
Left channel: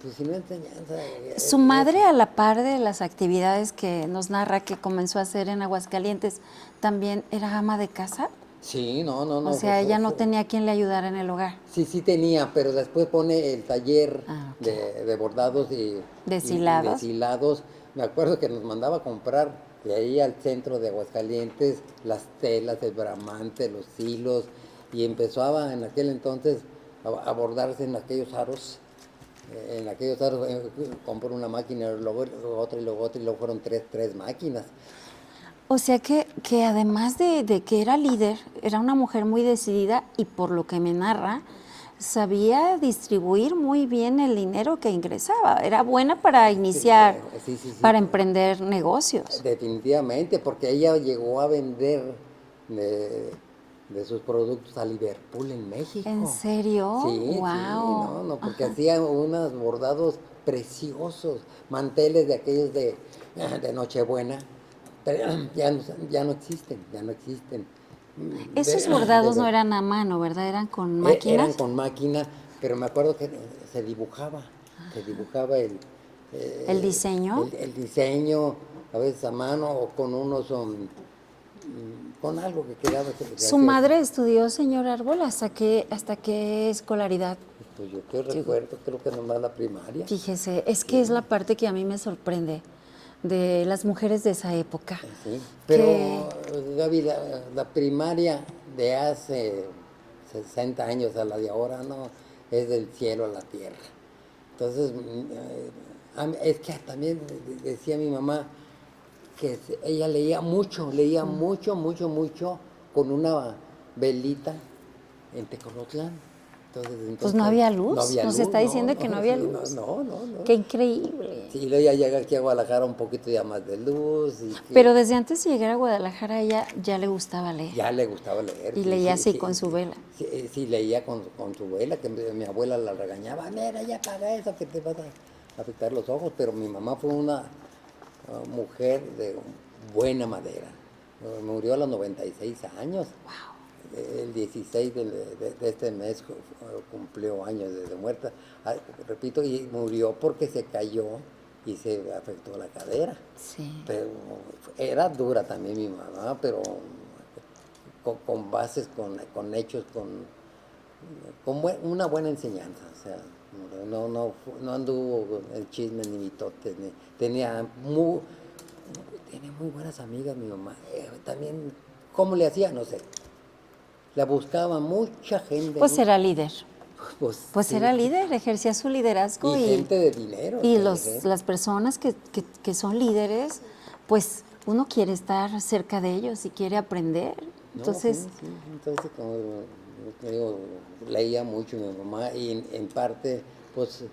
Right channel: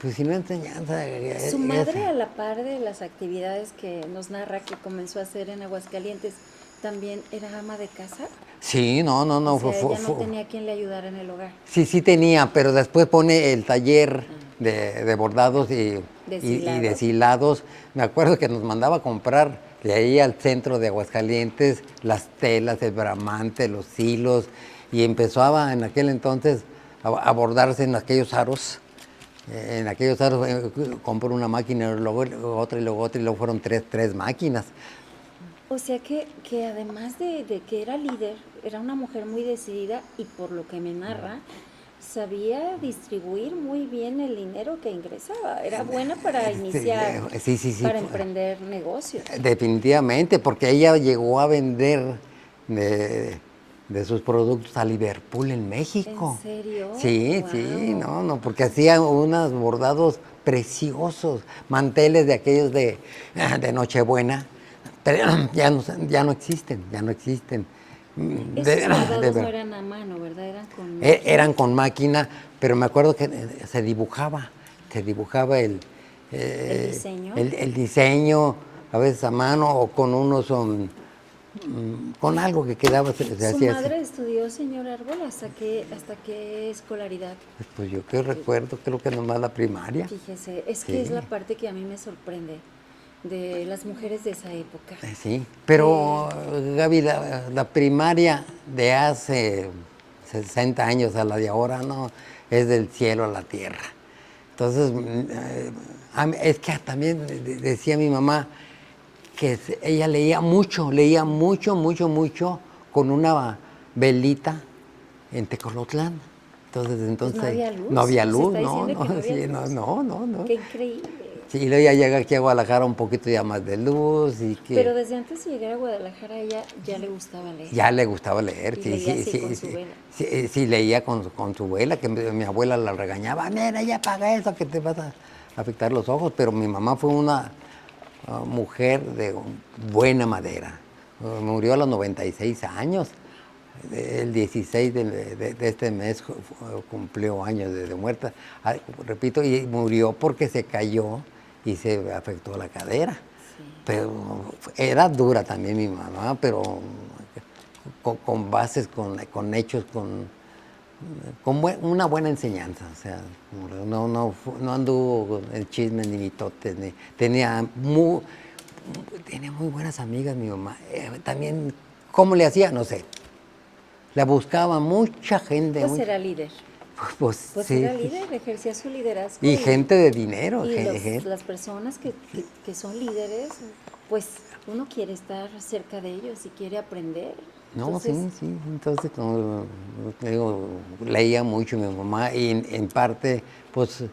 pues si no enseñanza... Su madre, a la par de las actividades que nos narra que comenzó a hacer en Aguascalientes, ¿también era ama de casa? Sí, no. O sea, ella no tenía quien le ayudara en el hogar. Sí tenía, pero después pone el taller de bordados y deshilados. Me acuerdo que nos mandaba a comprar de ahí al centro de Aguascalientes las telas, el bramante, los hilos, y empezaba en aquel entonces a bordarse en aquellos aros. Compró una máquina, luego otra y luego otra, y luego fueron tres máquinas. O sea que además de que era líder, era una mujer muy decidida y por lo que me narra, sabía distribuir muy bien el dinero que ingresaba. Era buena para iniciar, para emprender negocios. Definitivamente, porque ella llegó a vender de sus productos a Liverpool en México. ¿En serio? Sí, Wow. porque hacía unos bordados preciosos, manteles de aquellos de Nochebuena. Pero ya no existen. Esos bordados no eran a mano, ¿verdad? Eran con máquina. Eran con máquina, pero me acuerdo que se dibujaba el diseño. El diseño, a veces a mano o con con algo que quedaba. ¿Su madre estudió, señor Árbol, hasta qué escolaridad? Pues yo recuerdo, creo que nomás la primaria. Fíjese, es que es la parte que a mí me sorprende de las mujeres de esa época. Sí, pero Gaby, la primaria de hace 60 años a la de ahora, no, es del cielo a la tierra. Entonces, es que también decía mi mamá que ella leía mucho, mucho, con una velita en Tecolotlán. Pues no había luz. No había Nos luz, está diciendo que no había sí, luz. no. Qué increíble. Sí, y luego ya llega aquí a Guadalajara un poquito ya más de luz. Y que Pero desde antes de llegar a Guadalajara, a ella ya le gustaba leer. ya le gustaba leer. Y Sí, leía así sí, con su vela. Sí, leía con su vela, que mi abuela la regañaba. Mira, ya apaga eso, que te vas a afectar los ojos. Pero mi mamá fue una mujer de buena madera. Murió a los 96 años. El 16 de este mes cumplió años de muerta. Repito, y murió porque se cayó y se afectó la cadera. Sí. Pero era dura también mi mamá, pero con bases, con hechos, una buena enseñanza. O sea, no anduvo en chismes ni mitotes. Tenía muy buenas amigas mi mamá. También, ¿cómo le hacía? No sé. La buscaba mucha gente. Pues era líder. Pues sí. era líder, ejercía su liderazgo. Y gente de dinero. Y las personas que son líderes, pues uno quiere estar cerca de ellos y quiere aprender. Entonces, sí. Entonces, como te digo, leía mucho mi mamá y en parte, pues,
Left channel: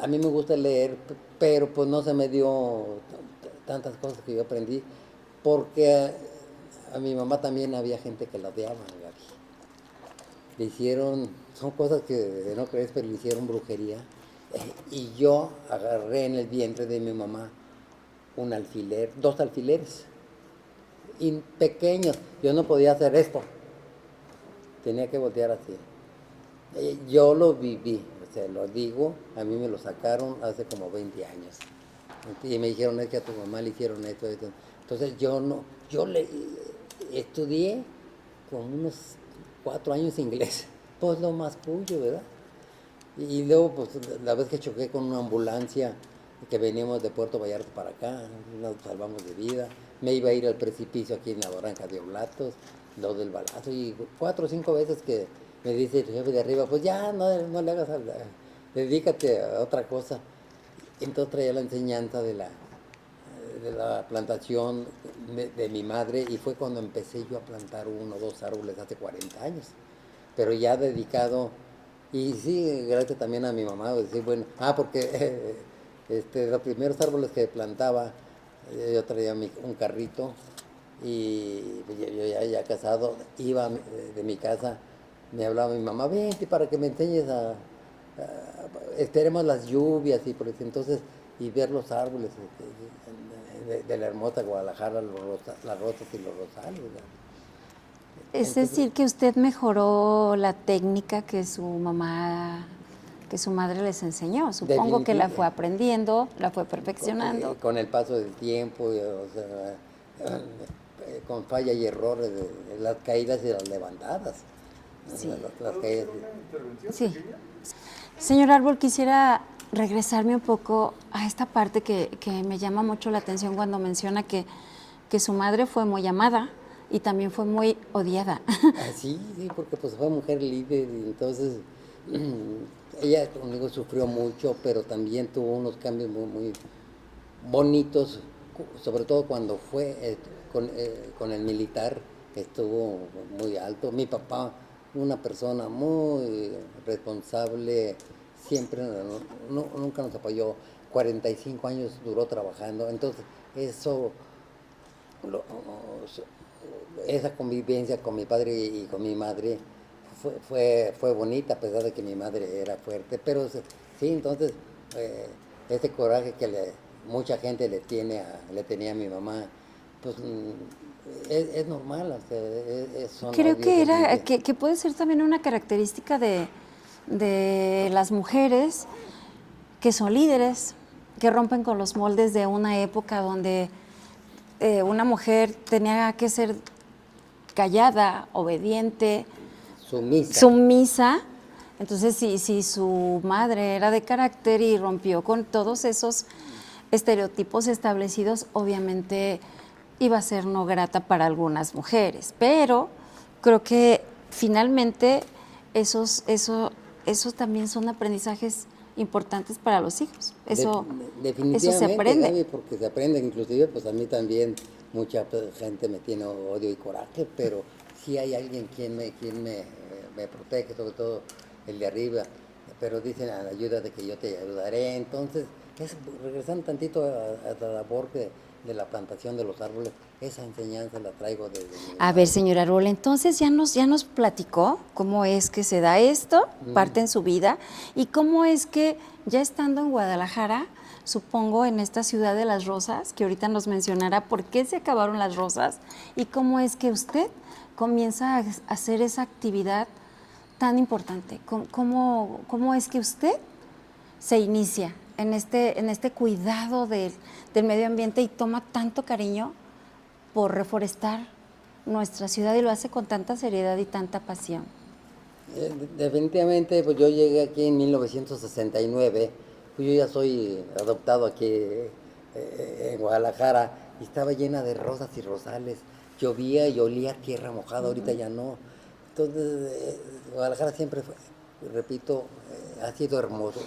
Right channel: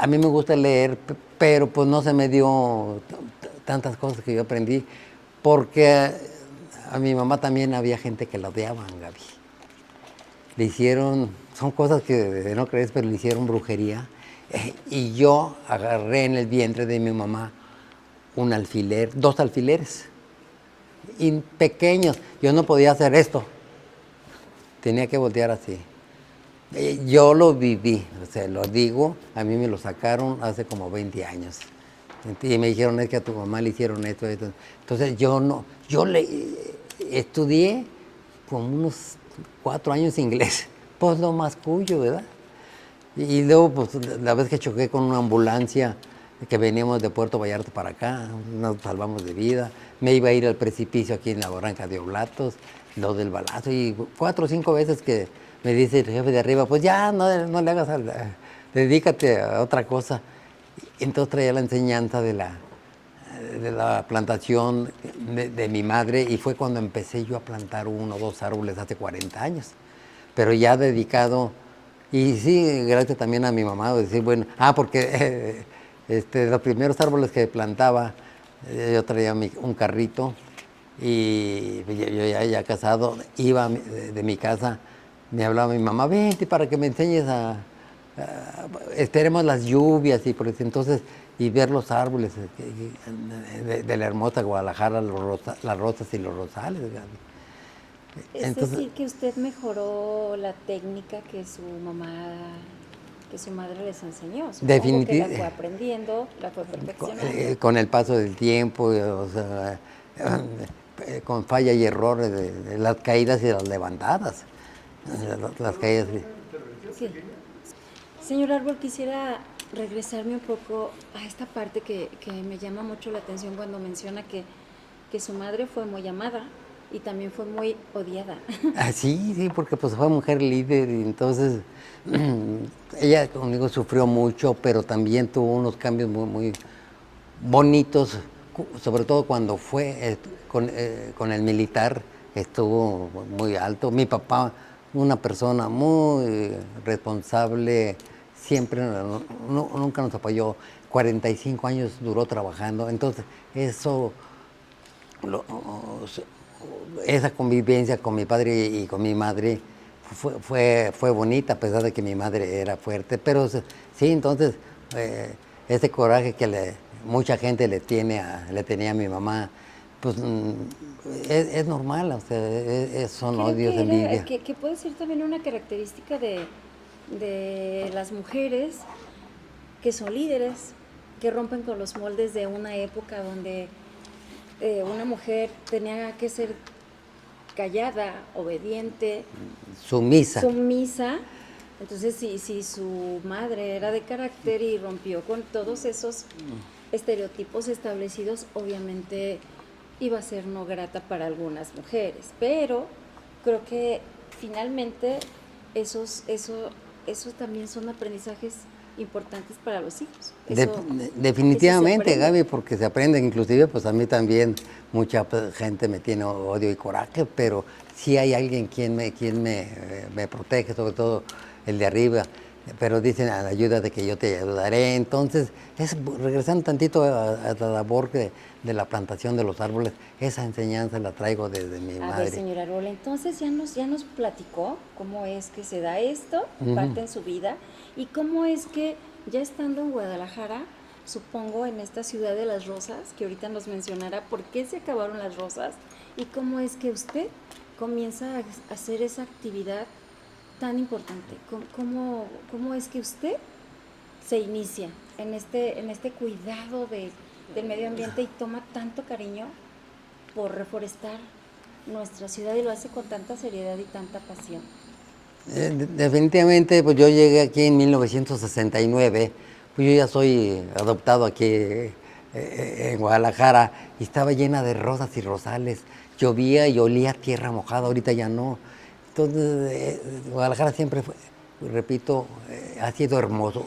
a mí me gusta leer, pero pues no se me dio tantas cosas que yo aprendí, porque a mi mamá también había gente que la odiaban, Gaby. Le hicieron, son cosas que no crees, pero le hicieron brujería. Y yo agarré en el vientre de mi mamá un alfiler, 2 alfileres, pequeños. Yo no podía hacer esto. Tenía que voltear así. Yo lo viví, o sea, lo digo, a mí me lo sacaron hace como 20 años. Y me dijeron, es que a tu mamá le hicieron esto. Entonces yo estudié como unos 4 años inglés, pues lo más cuyo, ¿verdad? Y luego, pues la vez que choqué con una ambulancia que veníamos de Puerto Vallarta para acá, nos salvamos de vida, me iba a ir al precipicio aquí en la barranca de Oblatos, lo del balazo, y 4 o 5 veces que me dice el jefe de arriba, pues ya, no le hagas, dedícate a otra cosa. Entonces traía la enseñanza de la plantación de mi madre, y fue cuando empecé yo a plantar 1 o 2 árboles hace 40 años, pero ya dedicado, y sí, gracias también a mi mamá, decir, bueno, porque los primeros árboles que plantaba, yo traía un carrito, y yo ya casado, iba de mi casa, me hablaba mi mamá, vente para que me enseñes esperemos las lluvias, y por eso, entonces, y ver los árboles de la hermosa Guadalajara, las rosas y los rosales. Es Entonces, decir, que usted mejoró la técnica que su madre les enseñó. Supongo que la fue aprendiendo, la fue perfeccionando. Con el paso del tiempo, o sea, con falla y errores, de las caídas y las levantadas. Sí. Las caídas. Sí. Señor Árbol, quisiera regresarme un poco a esta parte que me llama mucho la atención cuando menciona que su madre fue muy amada y también fue muy odiada. Sí, porque pues fue mujer líder, y entonces ella conmigo sufrió mucho, pero también tuvo unos cambios muy, muy bonitos, sobre todo cuando fue con el militar, estuvo muy alto. Mi papá, una persona muy responsable, siempre nunca nos apoyó. 45 años duró trabajando, entonces esa convivencia con mi padre y con mi madre fue bonita, a pesar de que mi madre era fuerte, pero sí, entonces ese coraje que mucha gente le tenía a mi mamá, pues es normal, o sea, son Creo odios, envidia. que puede ser también una característica de las mujeres que son líderes, que rompen con los moldes de una época donde una mujer tenía que ser callada, obediente, sumisa. Entonces, si su madre era de carácter y rompió con todos esos estereotipos establecidos, obviamente iba a ser no grata para algunas mujeres. Pero creo que finalmente esos también son aprendizajes importantes para los hijos. Definitivamente, aprende. Gaby, porque se aprende, inclusive pues a mí también mucha gente me tiene odio y coraje, pero sí hay alguien me protege, sobre todo el de arriba, pero dicen a la ayuda de que yo te ayudaré. Entonces, regresando tantito a la labor de la plantación de los árboles, esa enseñanza la traigo desde mi A madre. ver, señora Arbola, entonces ya nos platicó cómo es que se da esto, parte en su vida, y cómo es que ya estando en Guadalajara, supongo en esta ciudad de las rosas, que ahorita nos mencionará por qué se acabaron las rosas, y cómo es que usted comienza a hacer esa actividad tan importante. ¿Cómo es que usted se inicia en este cuidado del medio ambiente y toma tanto cariño por reforestar nuestra ciudad y lo hace con tanta seriedad y tanta pasión? Definitivamente, pues yo llegué aquí en 1969, pues yo ya soy adoptado aquí en Guadalajara y estaba llena de rosas y rosales, llovía y olía tierra mojada, ahorita ya no. Entonces, Guadalajara siempre fue, repito, ha sido hermoso,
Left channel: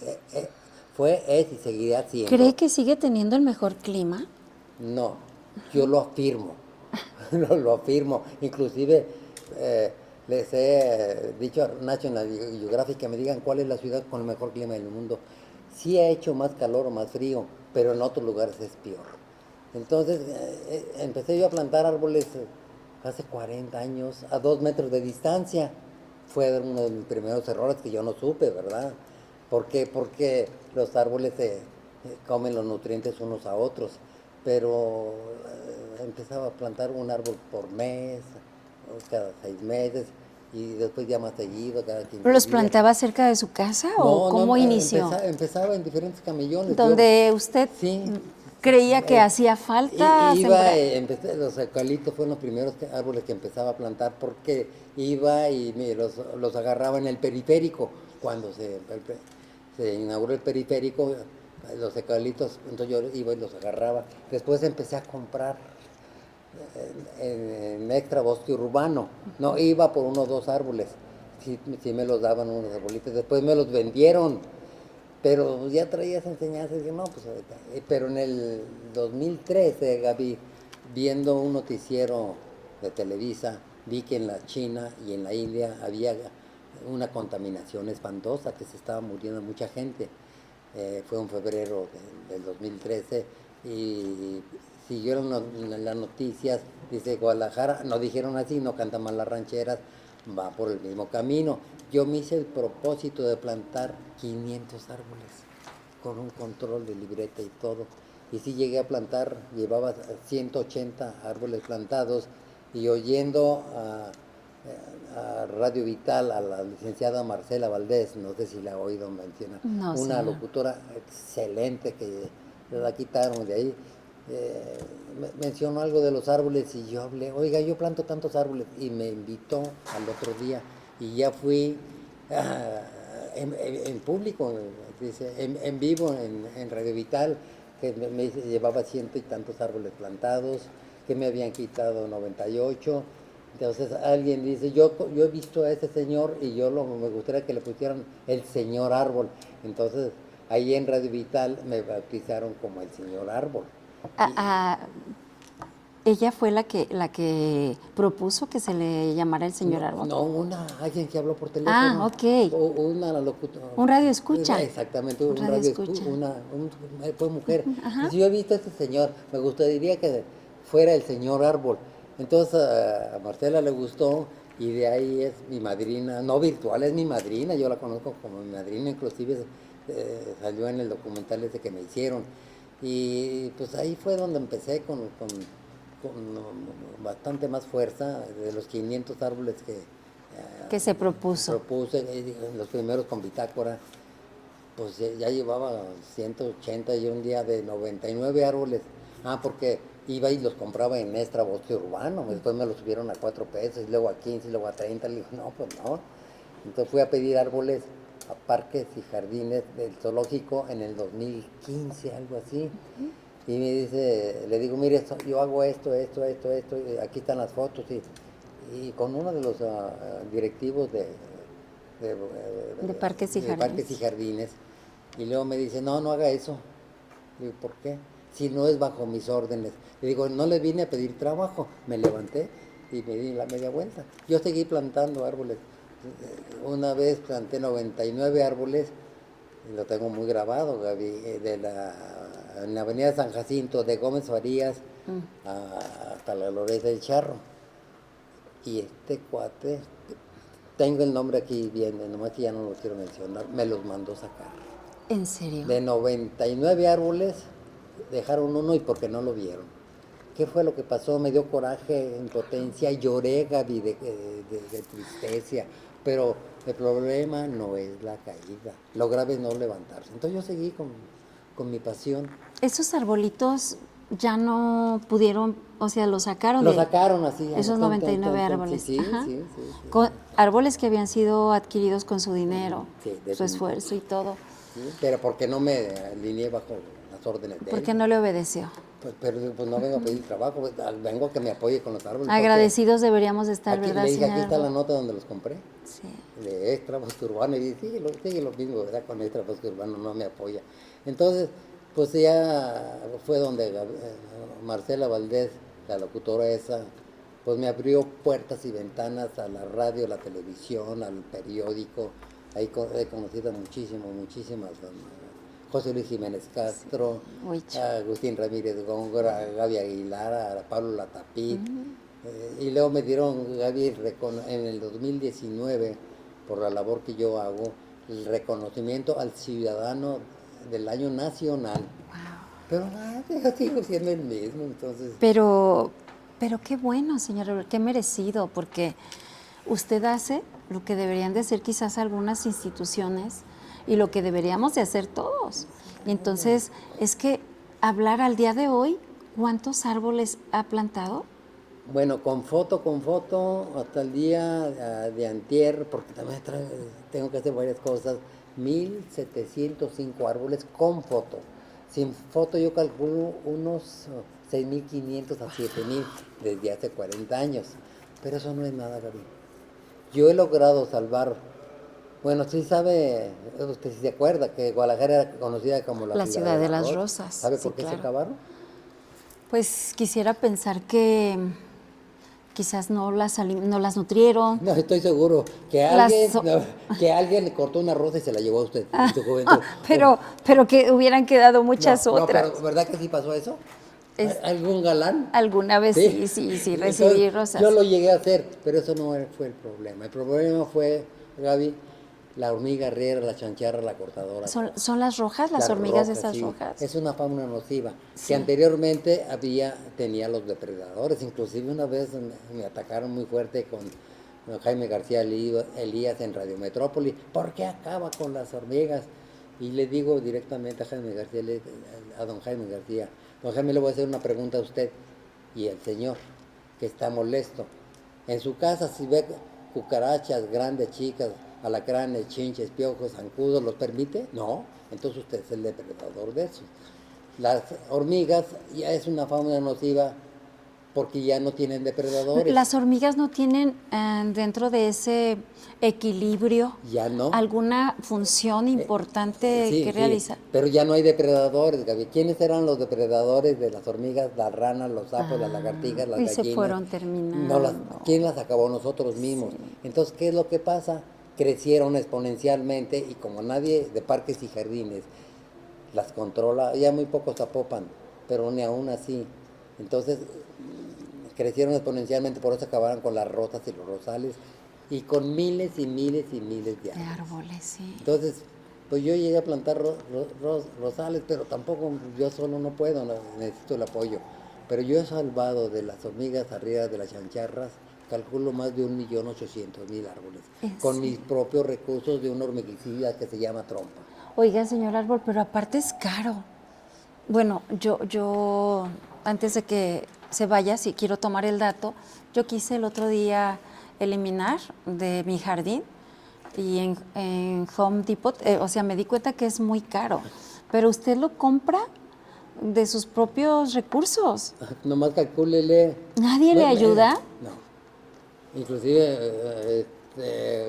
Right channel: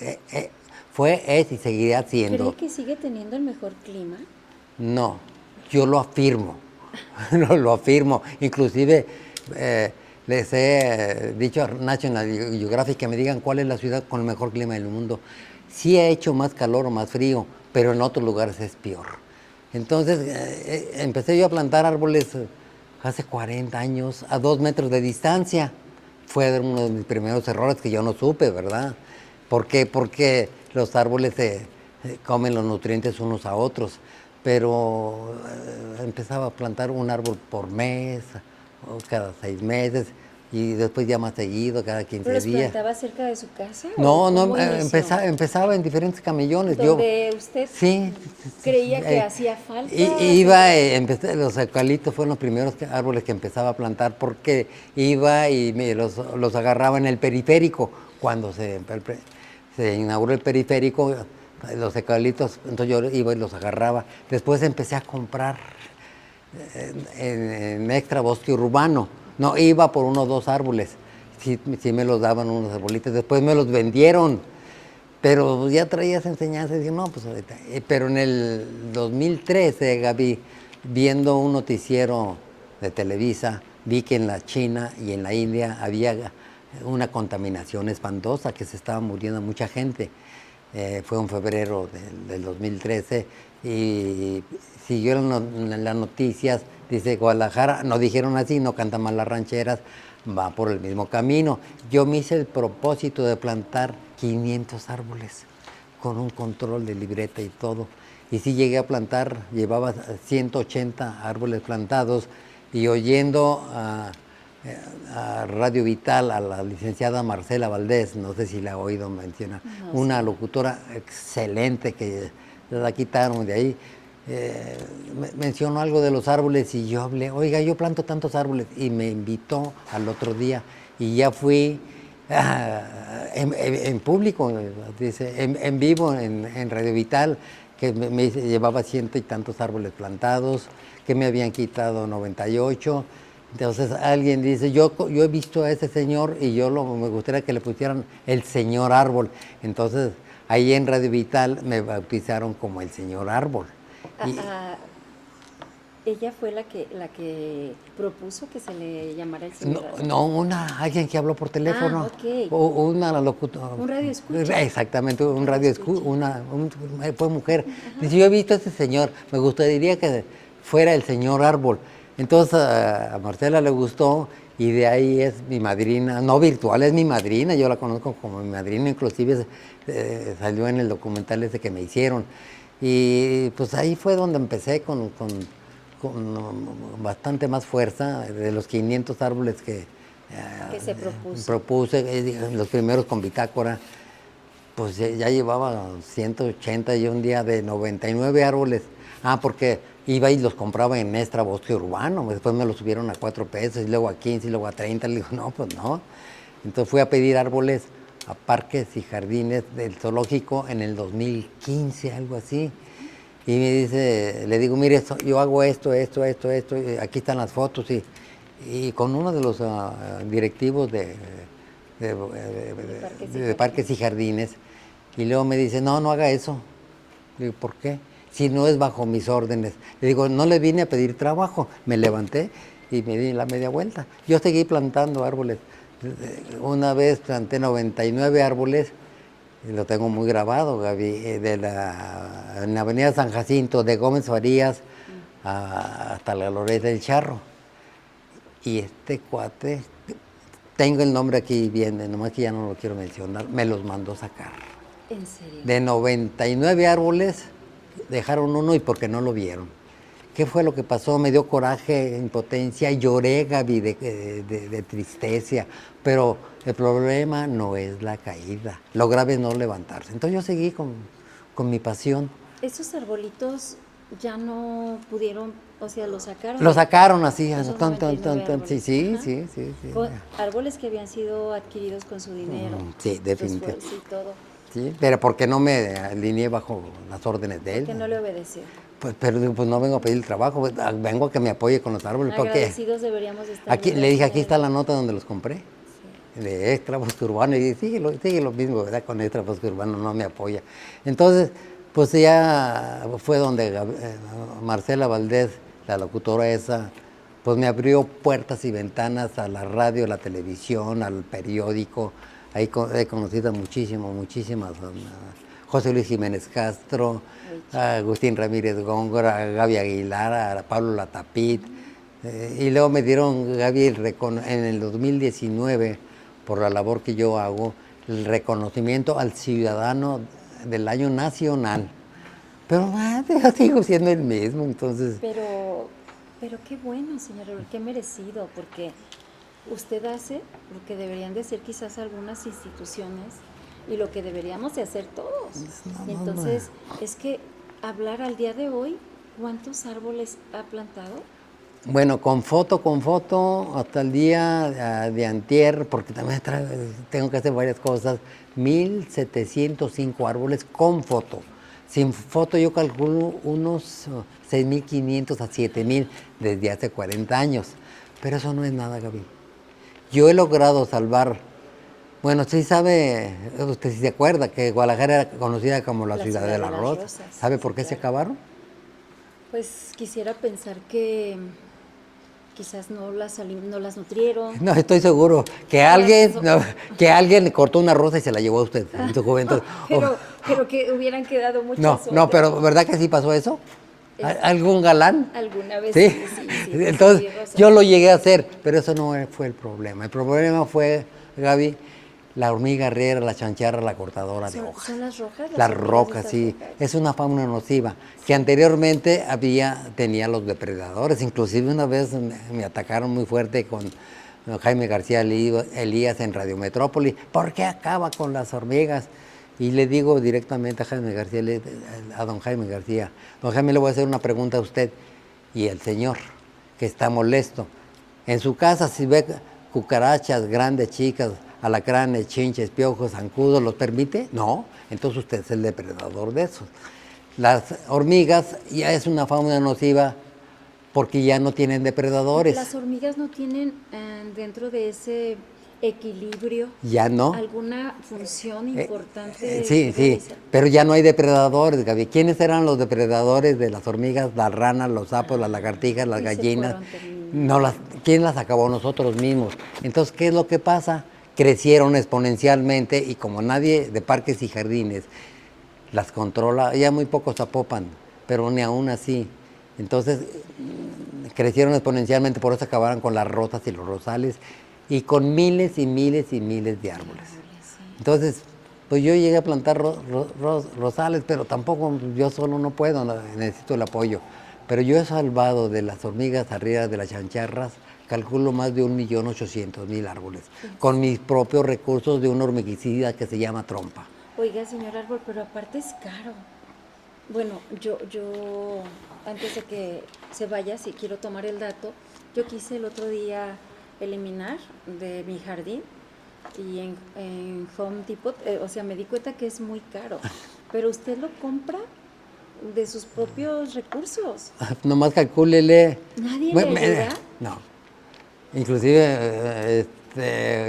es y seguirá siendo. ¿Cree que sigue teniendo el mejor clima? No, yo lo afirmo, lo afirmo. Inclusive les he dicho a National Geographic que me digan cuál es la ciudad con el mejor clima del mundo. Sí ha hecho más calor o más frío, pero en otros lugares es peor. Entonces empecé yo a plantar árboles hace 40 años a 2 metros de distancia. Fue uno de mis primeros errores que yo no supe, ¿verdad? ¿Por qué? Porque los árboles comen los nutrientes unos a otros, pero empezaba a plantar un árbol por mes, o cada 6 meses, y después ya más seguido, cada 15 días. ¿Pero los plantaba cerca de su casa No, o cómo inició? empezaba en diferentes camellones. ¿Donde usted sí, creía que hacía falta? Los eucaliptos fueron los primeros árboles que empezaba a plantar porque iba y los agarraba en el periférico. Cuando se inauguró el periférico, los eucaliptos, entonces yo iba y los agarraba. Después empecé a comprar en extra bosque urbano. No, iba por 1 o 2 árboles. Sí me los daban unos arbolitos. Después me los vendieron. Pero ya traías enseñanzas y dije, no, pues ahorita. Pero en el 2013, Gaby, viendo un noticiero de Televisa, vi que en la China y en la India había una contaminación espantosa, que se estaba muriendo mucha gente. Fue en febrero del 2013 y siguieron las noticias, dice Guadalajara, no dijeron así, no cantan mal las rancheras, va por el mismo camino. Yo me hice el propósito de plantar 500 árboles con un control de libreta y todo. Y sí llegué a plantar, llevaba 180 árboles plantados y oyendo a Radio Vital, a la licenciada Marcela Valdés, no sé si la ha oído mencionar, No, una sí. locutora excelente que la quitaron de ahí. Mencionó algo de los árboles y yo hablé, oiga, yo planto tantos árboles, y me invitó al otro día y ya fui en público, dice, en vivo en Radio Vital, que me llevaba 100 y tantos árboles plantados, que me habían quitado 98. Entonces alguien dice, yo he visto a ese señor y me gustaría que le pusieran el señor árbol. Entonces ahí en Radio Vital me bautizaron como el señor árbol. ¿Ella fue la que propuso que se le llamara el señor árbol? No, alguien que habló por teléfono. Ok. Una locutora. Un radio escucha. Exactamente, un radio escucha. Fue mujer. Dice, yo he visto a ese señor, me gustaría que fuera el señor árbol. Entonces a Marcela le gustó y de ahí es mi madrina, no virtual, es mi madrina, yo la conozco como mi madrina, inclusive salió en el documental ese que me hicieron. Y pues ahí fue donde empecé con bastante más fuerza, de los 500 árboles que se propuso. Propuse, los primeros con bitácora, pues ya llevaba 180 y un día de 99 árboles. Porque iba y los compraba en Extra Bosque Urbano, después me los subieron a 4 pesos, y luego a 15, y luego a 30, le digo, no, pues no. Entonces fui a pedir árboles a parques y jardines del zoológico en el 2015, algo así. Y me dice, le digo, mire, yo hago esto, y aquí están las fotos. Y con uno de los directivos De parques y de parques y jardines. Y luego me dice, no, no haga eso. Le digo, ¿por qué? Si no es bajo mis órdenes. Le digo, no le vine a pedir trabajo. Me levanté y me di la media vuelta. Yo seguí plantando árboles. Una vez planté 99 árboles, y lo tengo muy grabado, Gaby, en la avenida San Jacinto, de Gómez Farías hasta la Glorieta del Charro. Y este cuate, tengo el nombre aquí bien, nomás que ya no lo quiero mencionar, me los mandó sacar. ¿En serio? De 99 árboles, dejaron uno y porque no lo vieron. ¿Qué fue lo que pasó? Me dio coraje, impotencia, lloré, Gaby, de tristeza. Pero el problema no es la caída, lo grave es no levantarse. Entonces yo seguí con mi pasión. Esos arbolitos ya no pudieron, o sea, los sacaron. Lo sacaron así. Esos 99 árboles. Sí. Árboles que habían sido adquiridos con su dinero, Sí, su definitivamente. esfuerzo y todo. Sí, pero porque no me alineé bajo las órdenes de él. ¿Por qué no le obedeció? Pues, pero pues no vengo a pedir el trabajo, vengo a que me apoye con los árboles. Agradecidos deberíamos estar. Aquí, ¿verdad, le dije, señora? aquí está la nota donde los compré. Sí. De Extra Bosque Urbano, y sigue lo mismo, ¿verdad? Con Extra Bosque Urbano no me apoya. Entonces, pues ya fue donde Marcela Valdés, la locutora esa, pues me abrió puertas y ventanas a la radio, a la televisión, al periódico. Ahí he conocido muchísimas, José Luis Jiménez Castro, a Agustín Ramírez Góngora, a Gaby Aguilar, a Pablo Latapit. Y luego me dieron, Gaby, en el 2019, por la labor que yo hago, el reconocimiento al ciudadano del año nacional. Pero ya sigo siendo el mismo, entonces... Pero qué bueno, señor, qué merecido, porque usted hace lo que deberían de hacer quizás algunas instituciones y lo que deberíamos de hacer todos. Entonces, es que hablar al día de hoy, ¿cuántos árboles ha plantado? Bueno, con foto, hasta el día de antier, porque también tengo que hacer varias cosas, 1,705 árboles con foto. Sin foto yo calculo unos 6,500 a 7,000 desde hace 40 años. Pero eso no es nada, Gaby. Yo he logrado salvar, bueno, sí sabe, usted sí se acuerda que Guadalajara era conocida como la ciudad de las rosas. ¿Sabe por qué se acabaron? Pues quisiera pensar que quizás no las nutrieron. No, estoy seguro que alguien cortó una rosa y se la llevó a usted en su juventud. Pero que hubieran quedado muchas otras. No, pero ¿verdad que sí pasó eso? ¿Algún galán? Alguna vez sí. Entonces, rosas. yo lo llegué a hacer, pero eso no fue el problema. El problema fue, Gaby, la hormiga herrera, la chancharra, la cortadora de hojas. ¿Son las rojas? Las hormigas rocas, estas sí. rojas. Es una fauna nociva, que anteriormente tenía los depredadores. Inclusive una vez me atacaron muy fuerte con Jaime García Elías en Radio Metrópoli. ¿Por qué acaba con las hormigas? Y le digo directamente a don Jaime García, don Jaime, le voy a hacer una pregunta a usted y el señor, que está molesto. En su casa, si ve cucarachas grandes, chicas, alacranes, chinches, piojos, zancudos, ¿los permite? No, entonces usted es el depredador de esos. Las hormigas ya es una fauna nociva porque ya no tienen depredadores. Las hormigas no tienen dentro de ese equilibrio ya no alguna función importante que realizar. Pero ya no hay depredadores, Gaby. ¿Quiénes eran los depredadores de las hormigas? Las ranas, los sapos, las lagartijas, las gallinas. ¿Quién las acabó? Nosotros mismos. Entonces, ¿qué es lo que pasa? Crecieron exponencialmente y como nadie de parques y jardines las controla, ya muy pocos Zapopan, pero ni aún así. Entonces, crecieron exponencialmente, por eso acabaron con las rosas y los rosales y con miles y miles y miles de árboles. Sí. Entonces, pues yo llegué a plantar rosales, pero tampoco yo solo no puedo, necesito el apoyo. Pero yo he salvado de las hormigas arriba de las chancharras, calculo más de 1,800,000 árboles, con mis propios recursos de un hormiguicida que se llama trompa. Oiga, señor Árbol, pero aparte es caro. Bueno, yo antes de que se vaya, si quiero tomar el dato, yo quise el otro día eliminar de mi jardín y en Home Depot, o sea, me di cuenta que es muy caro, pero usted lo compra de sus propios recursos. Nomás calcúlele. ¿Nadie le ayuda? No. Inclusive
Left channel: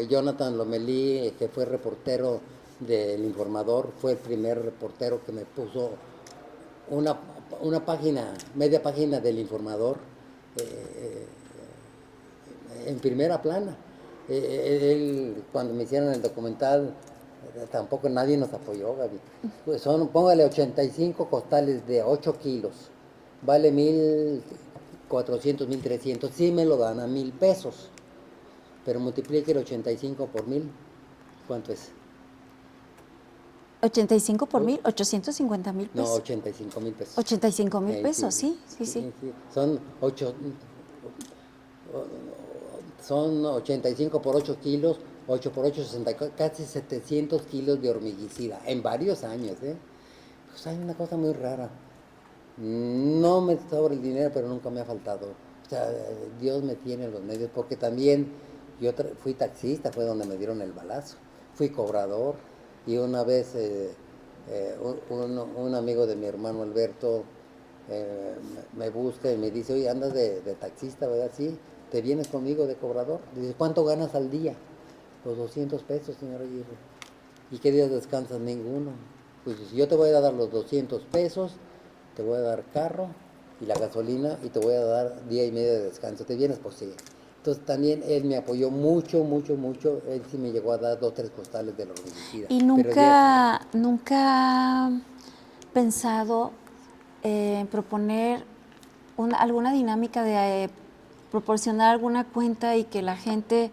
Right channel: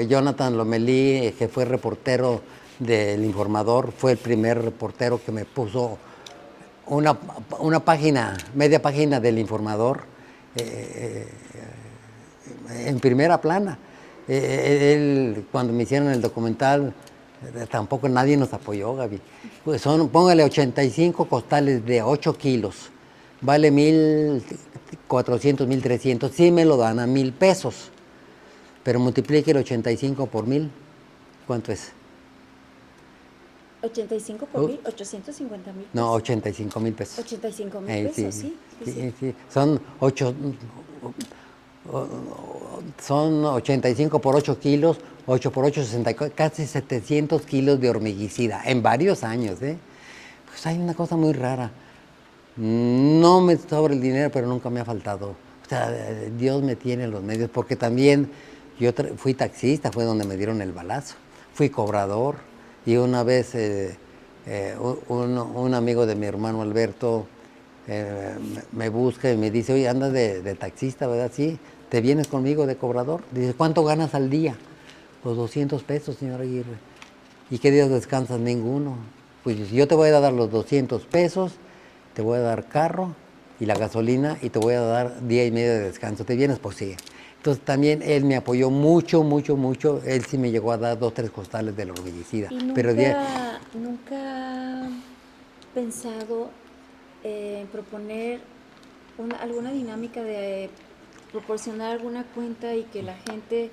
Jonathan Lomelí, que fue reportero del Informador, fue el primer reportero que me puso una página, media página del Informador en primera plana. Él, cuando me hicieron el documental, tampoco nadie nos apoyó, Gaby. Pues póngale 85 costales de 8 kilos, vale 1,400, 1,300, sí me lo dan a 1,000 pesos, pero multiplique el 85 por 1,000, ¿cuánto es? 85 por 1,000, 850,000 pesos. No, 85,000 pesos. 85,000 pesos, sí. Son 85 por 8 kilos, 8 por 8, 60, casi 700 kilos de hormiguicida en varios años. Pues hay una cosa muy rara. No me sobra el dinero, pero nunca me ha faltado. O sea, Dios me tiene los medios, porque también yo fui taxista, fue donde me dieron el balazo. Fui cobrador y una vez un amigo de mi hermano Alberto me busca y me dice, oye, andas de taxista, ¿verdad? Sí, ¿te vienes conmigo de cobrador? Dice, ¿cuánto ganas al día? Pues 200 pesos, señor Aguirre. ¿Y qué días descansas? Ninguno. Pues yo te voy a dar los 200 pesos, te voy a dar carro y la gasolina y te voy a dar día y medio de descanso. ¿Te vienes? Pues sí. Entonces también él me apoyó mucho, mucho, mucho. Él sí me llegó a dar 2, 3 costales de la hormiguicida. ¿Y Pero nunca ha pensado en proponer alguna dinámica de proporcionar alguna cuenta y que la gente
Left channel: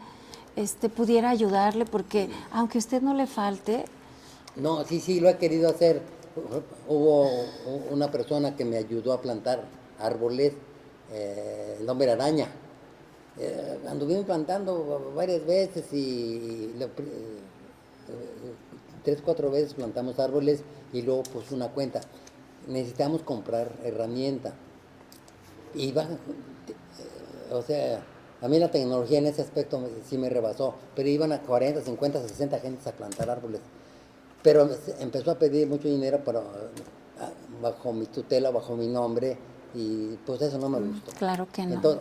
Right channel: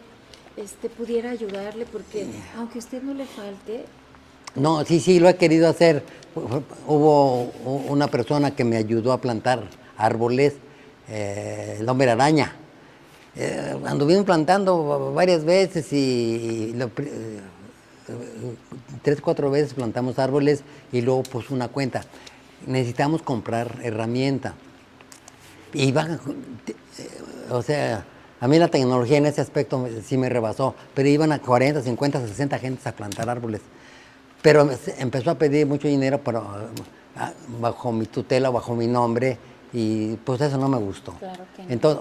pudiera ayudarle? Porque aunque a usted no le falte... No, sí, lo he querido hacer. Hubo una persona que me ayudó a plantar árboles, el hombre araña. Anduvimos plantando varias veces y 3, 4 veces plantamos árboles y luego pues una cuenta. Necesitamos comprar herramienta. Y o sea, a mí la tecnología en ese aspecto sí me rebasó, pero iban a 40, 50, 60 gentes a plantar árboles. Pero empezó a pedir mucho dinero bajo mi tutela, bajo mi nombre, y pues eso no me gustó. Claro que no. Entonces,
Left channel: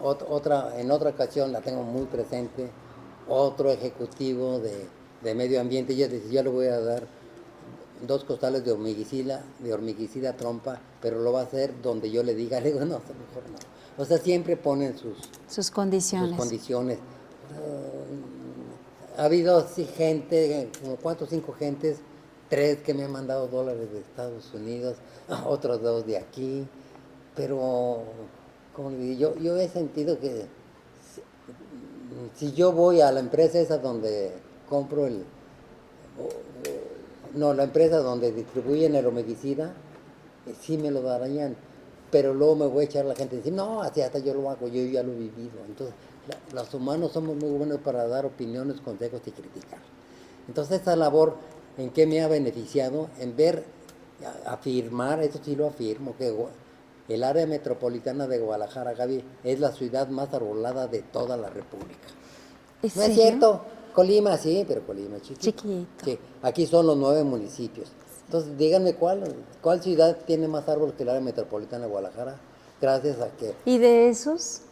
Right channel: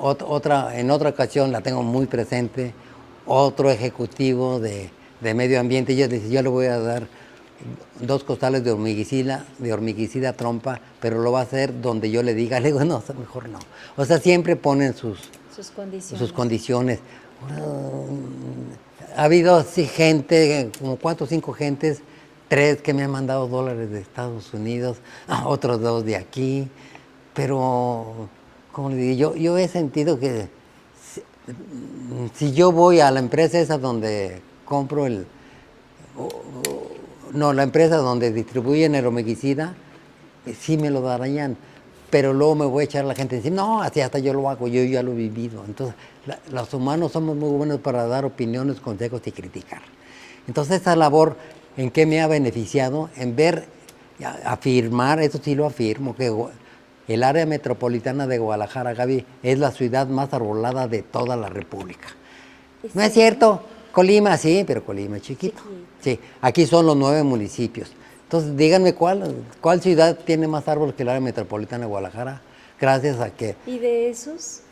en otra ocasión la tengo muy presente, otro ejecutivo de medio ambiente, yo le voy a dar 2 costales de hormiguicida trompa, pero lo va a hacer donde yo le diga. Le digo, no, mejor no. O sea, siempre ponen sus condiciones. Ha habido así gente, como 4 o 5 gentes, 3 que me han mandado dólares de Estados Unidos, otros 2 de aquí, pero, como le digo, yo he sentido que si yo voy a la empresa esa donde compro la empresa donde distribuyen el hormiguicida, sí me lo darían, pero luego me voy a echar a la gente y decir, no, así hasta yo lo hago, yo ya lo he vivido. Entonces, los humanos somos muy buenos para dar opiniones, consejos y criticar. Entonces, esa labor, ¿en qué me ha beneficiado? En afirmar, eso sí lo afirmo, que el área metropolitana de Guadalajara, Gaby, es la ciudad más arbolada de toda la República. ¿No es cierto? Colima sí, pero Colima es chiquito. Sí, aquí son los 9 municipios. Entonces, díganme cuál ciudad tiene más árboles que el área metropolitana de Guadalajara, gracias a que... Y de esos,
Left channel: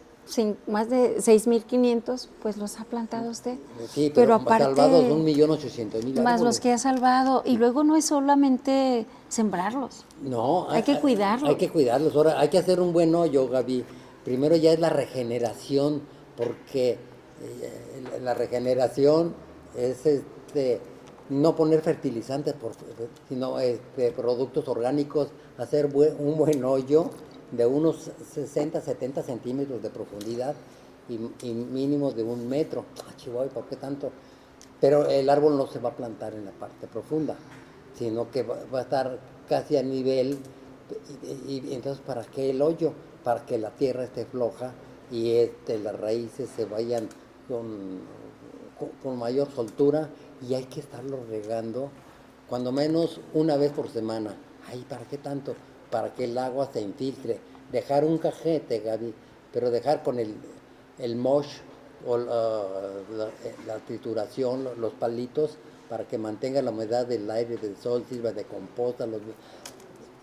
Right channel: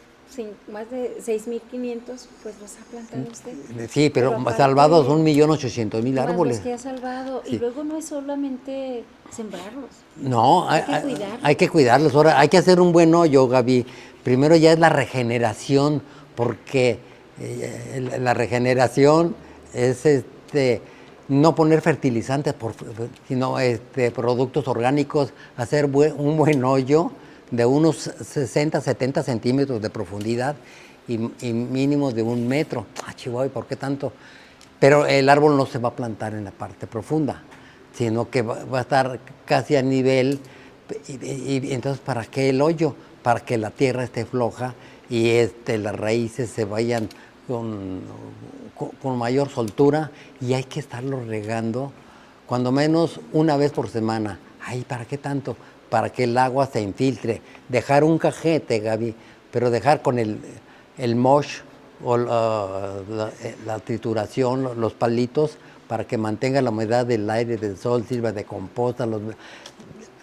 más de 6,500, pues los ha plantado usted. Sí, pero aparte, salvados 1,800,000 árboles. Más los que ha salvado. Sí. Y luego no es solamente sembrarlos. No, hay que cuidarlos. Hay que cuidarlos. Ahora, hay que hacer un buen hoyo, Gaby. Primero ya es la regeneración, porque la regeneración es no poner fertilizantes, sino productos orgánicos, hacer un buen hoyo de unos 60, 70 centímetros de profundidad y mínimo de 1 metro. Chihuahua, ¿por qué tanto? Pero el árbol no se va a plantar en la parte profunda, sino que va a estar casi a nivel. Y entonces, ¿para qué el hoyo? Para que la tierra esté floja y las raíces se vayan con mayor soltura, y hay que estarlo regando cuando menos una vez por semana. ¿Para qué tanto? Para que el agua se infiltre. Dejar un cajete, Gaby, pero dejar con el mosh o la trituración, los palitos, para que mantenga la humedad del aire, del sol, sirva de composta.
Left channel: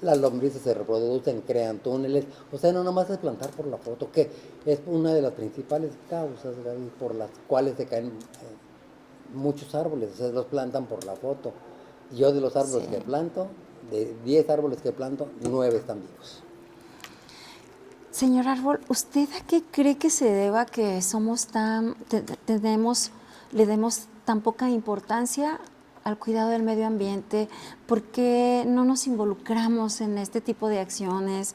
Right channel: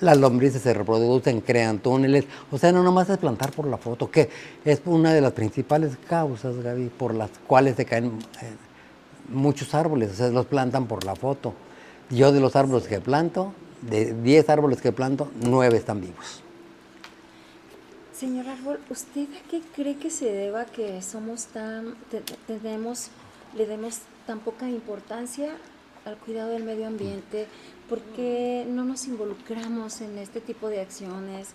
las lombrices se reproducen, crean túneles. O sea, no nomás es plantar por la foto, que es una de las principales causas, Gaby, por las cuales se caen muchos árboles. O sea, los plantan por la foto. Yo de los árboles que planto, de 10 árboles que planto, 9 están vivos. Señor Árbol, ¿usted a qué cree que se deba que somos le demos tan poca importancia al cuidado del medio ambiente? ¿Por qué no nos involucramos en este tipo de acciones?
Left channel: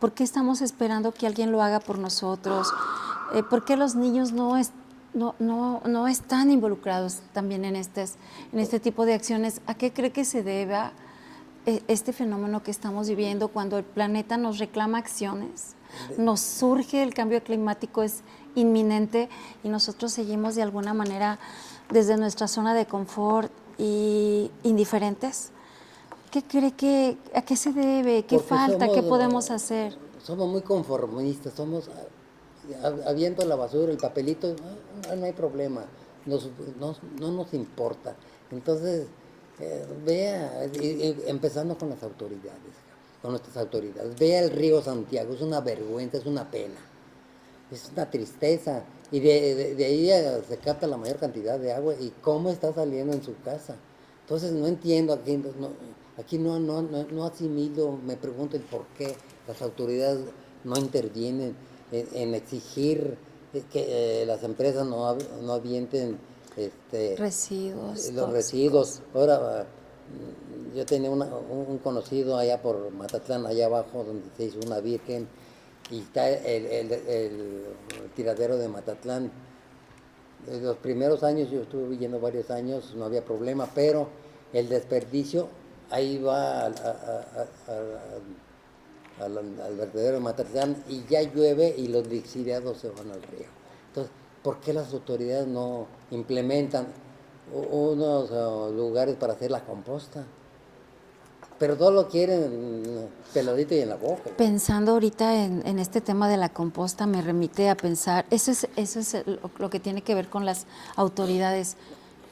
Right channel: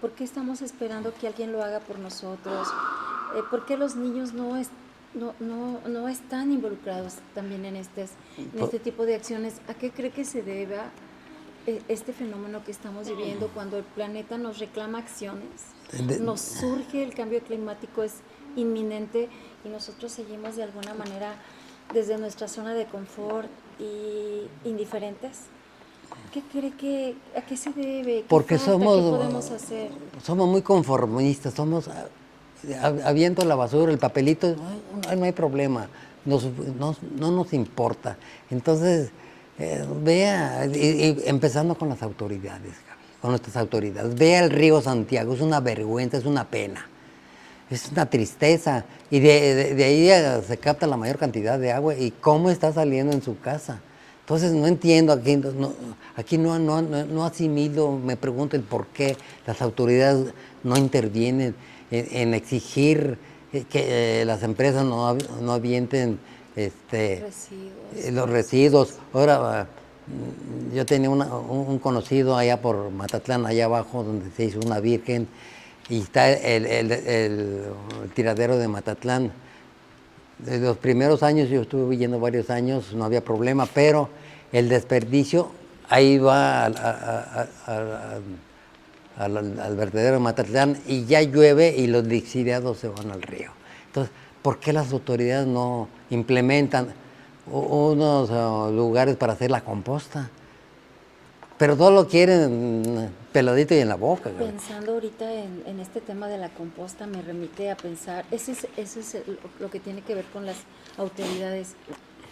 ¿Por qué estamos esperando que alguien lo haga por nosotros? ¿Por qué los niños no están involucrados también en este tipo de acciones? ¿A qué cree que se deba este fenómeno que estamos viviendo cuando el planeta nos reclama acciones? Nos surge el cambio climático, es inminente y nosotros seguimos de alguna manera desde nuestra zona de confort y indiferentes. ¿Qué cree a qué se debe? ¿Qué falta? ¿Qué podemos hacer? Somos muy conformistas, aviento la basura, el papelito, no hay problema, no nos importa. Entonces, empezando con las autoridades, con nuestras autoridades, vea el río Santiago, es una vergüenza, es una pena, es una tristeza, y de ahí se capta la mayor cantidad de agua, y cómo está saliendo en su casa. Entonces no entiendo, aquí no asimilo, me pregunto el por qué las autoridades no intervienen en exigir que las empresas no avienten los residuos. Ahora, yo tenía un conocido allá por Matatlán, allá abajo, donde se hizo una virgen, y está el tiradero de Matatlán. Desde los primeros años, yo estuve viviendo varios años, no había problema, pero el desperdicio ahí va al vertedero de Matatlán, y ya llueve y los lixiviados se van al río. Entonces, ¿por qué las autoridades no implementan unos lugares para hacer la composta? Pero todo lo quieren peladito y en la boca. Pensando ahorita en este tema de la composta, me remite a pensar, eso es lo que tiene que ver con las autoridades,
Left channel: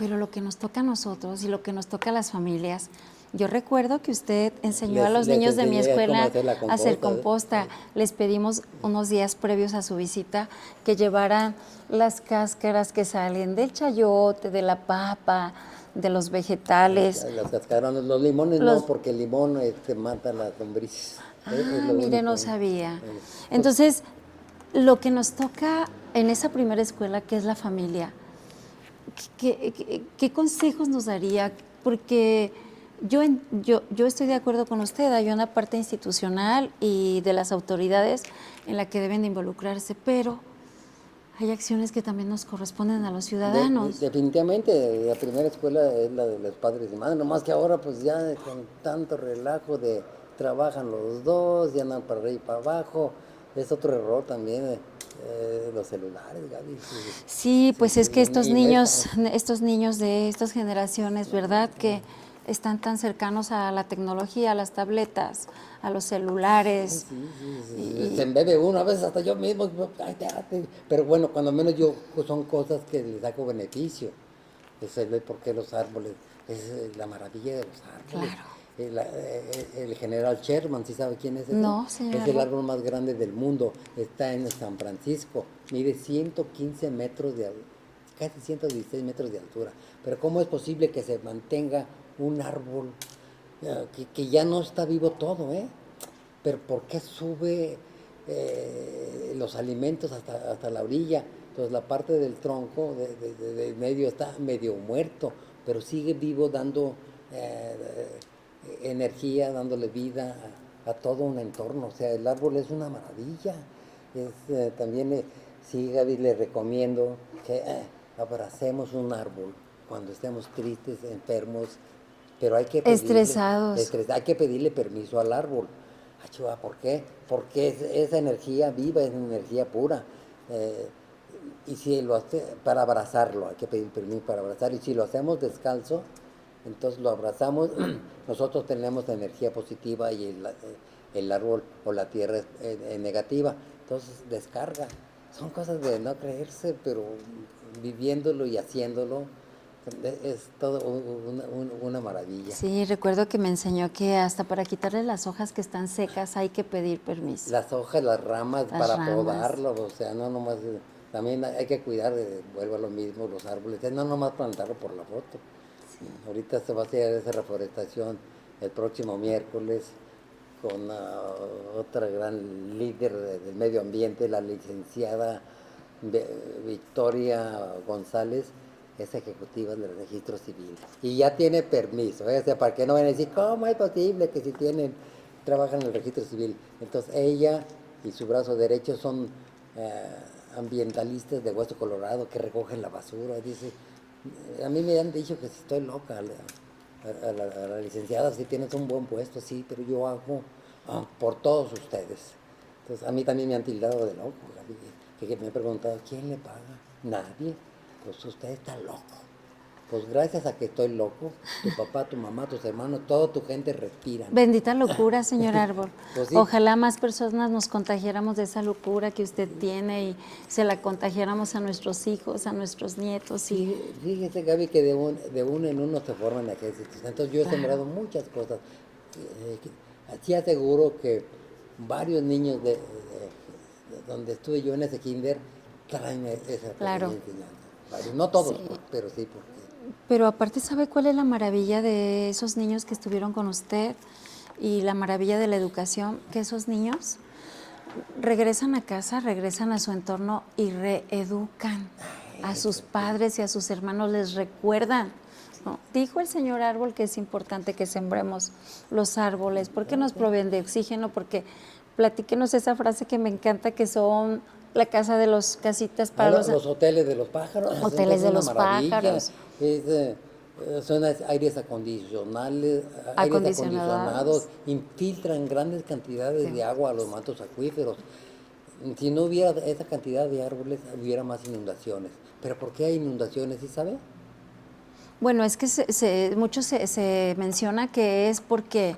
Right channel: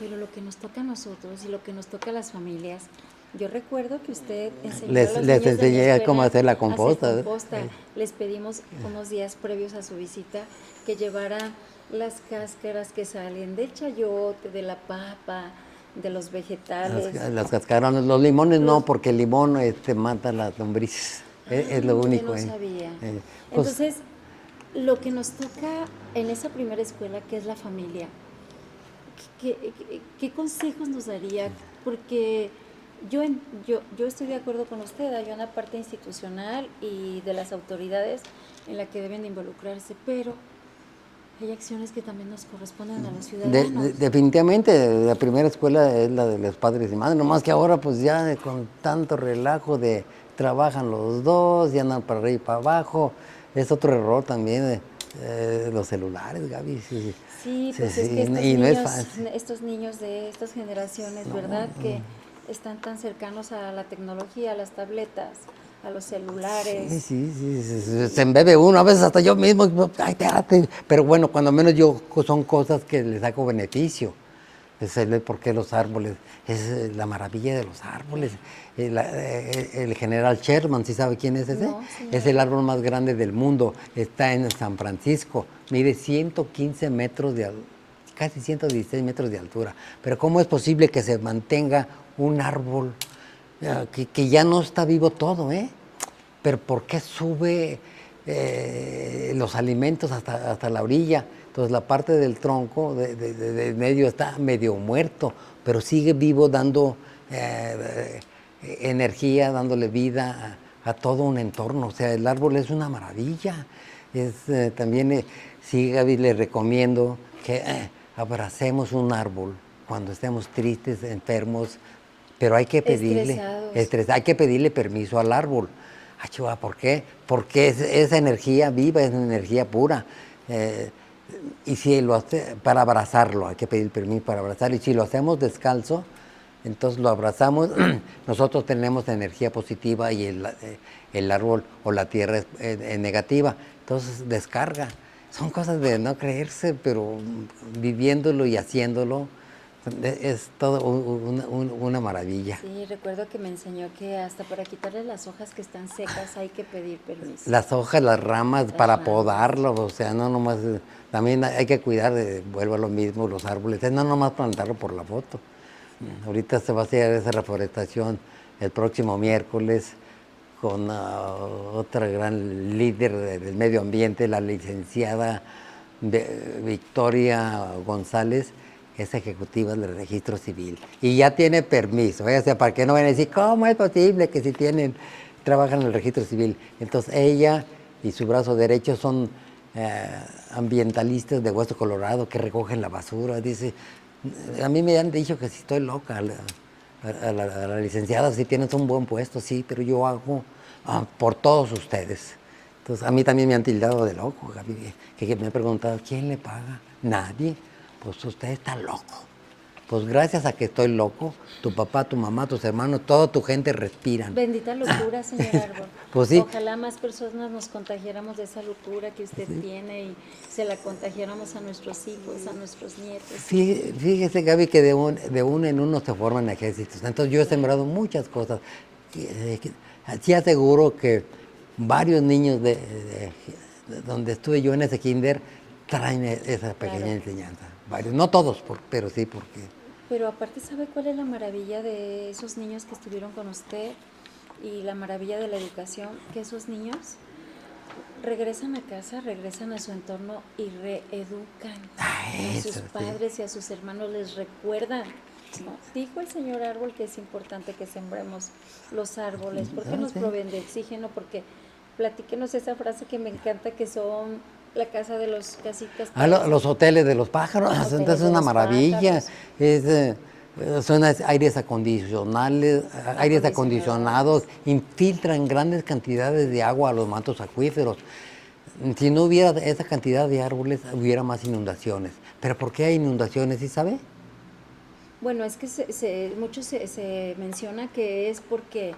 pero lo que nos toca a nosotros y lo que nos toca a las familias. Yo recuerdo que usted enseñó a los niños de mi escuela cómo hacer la hacer composta. Les pedimos unos días previos a su visita que llevaran las cáscaras que salen del chayote, de la papa, de los vegetales. Las cascarones, los limones no, porque el limón mata las lombrices. Es lo único. No sabía. Entonces, lo que nos toca en esa primera escuela, que es la familia, ¿qué consejos nos daría? Porque yo estoy de acuerdo con usted, hay una parte institucional y de las autoridades en la que deben de involucrarse, pero hay acciones que también nos corresponden a los ciudadanos. Definitivamente, la primera escuela es la de los padres y madres, nomás que ahora pues ya con tanto relajo de trabajan los dos, ya andan para arriba y para abajo, es otro error también los celulares, Gaby. Sí, pues es que estos niños de estas generaciones, ¿verdad? Que están tan cercanos a la tecnología, a las tabletas, a los celulares. Sí. Se embebe uno, a veces hasta yo mismo, ay, pero bueno, cuando menos son cosas que le saco beneficio. Es el por qué los árboles, es la maravilla de los árboles. Claro. El general Sherman, ¿sí sabe quién es ese? No, señora. Es el árbol más grande del mundo, está en San Francisco, mide 115 metros casi 116 metros de altura. Pero ¿cómo es posible que se mantenga un árbol que ya no está vivo todo, pero ¿por qué sube los alimentos hasta la orilla? Entonces la parte del tronco de medio está medio muerto, pero sigue vivo dando energía, dándole vida a todo un entorno. O sea, el árbol es una maravilla. También, sí, Gaby, le recomiendo que abracemos un árbol cuando estemos tristes, enfermos, pero hay que pedirle, hay que pedirle permiso al árbol. ¿Por qué? Porque esa energía viva, es energía pura. Y si lo hace para abrazarlo, hay que pedir permiso para abrazarlo. Y si lo hacemos descalzo, entonces lo abrazamos, nosotros tenemos energía positiva y el árbol o la tierra es negativa. Entonces descarga. Son cosas de no creerse, pero viviéndolo y haciéndolo, Es todo una maravilla. Sí, recuerdo que me enseñó que hasta para quitarle las hojas que están secas hay que pedir permiso. Las hojas, las ramas, Las para ramas. podarlo, o sea, no nomás, también hay que cuidar, vuelvo a lo mismo, los árboles, no nomás plantarlo por la foto. Ahorita se va a hacer esa reforestación el próximo miércoles con otra gran líder del medio ambiente, la licenciada Victoria González, es ejecutiva del registro civil. Y ya tiene permiso, o sea, para que no vayan a decir, ¿cómo es posible que si trabajan en el registro civil? Entonces ella y su brazo derecho son ambientalistas de Hueso Colorado que recogen la basura. Dice, a mí me han dicho que si estoy loca, a la licenciada, si tienes un buen puesto, sí, pero yo hago por todos ustedes. Entonces, a mí también me han tildado de loco, Gaby, que me han preguntado, ¿quién le paga? Nadie. Pues usted está loco. Pues gracias a que estoy loco, tu papá, tu mamá, tus hermanos, toda tu gente respiran. Bendita locura, señor Árbol. Pues sí. Ojalá más personas nos contagiáramos de esa locura que usted tiene y se la contagiáramos a nuestros hijos, a nuestros nietos. Fíjese, Gaby, que de uno en uno se forman ejércitos. Entonces yo he sembrado muchas cosas. Sí aseguro que varios niños de donde estuve yo en ese kinder traen esa pequeña enseñanza. Varios, no todos, pero sí porque... Pero aparte, ¿sabe cuál es la maravilla de esos niños que estuvieron con usted y la maravilla de la educación? Que esos niños regresan a casa, regresan a su entorno y reeducan a sus padres y a sus hermanos, les recuerdan. ¿No? Dijo el señor Árbol que es importante que sembremos los árboles, porque nos proveen de oxígeno, porque platíquenos esa frase que me encanta, que son la casa de los casitas para los hoteles de los pájaros, hoteles es una maravilla. pájaros. Son aires acondicionados, infiltran grandes cantidades de agua a los mantos acuíferos. Si no hubiera esa cantidad de árboles, hubiera más inundaciones. ¿Pero por qué hay inundaciones, sí sabe? Bueno, es que mucho se menciona que es porque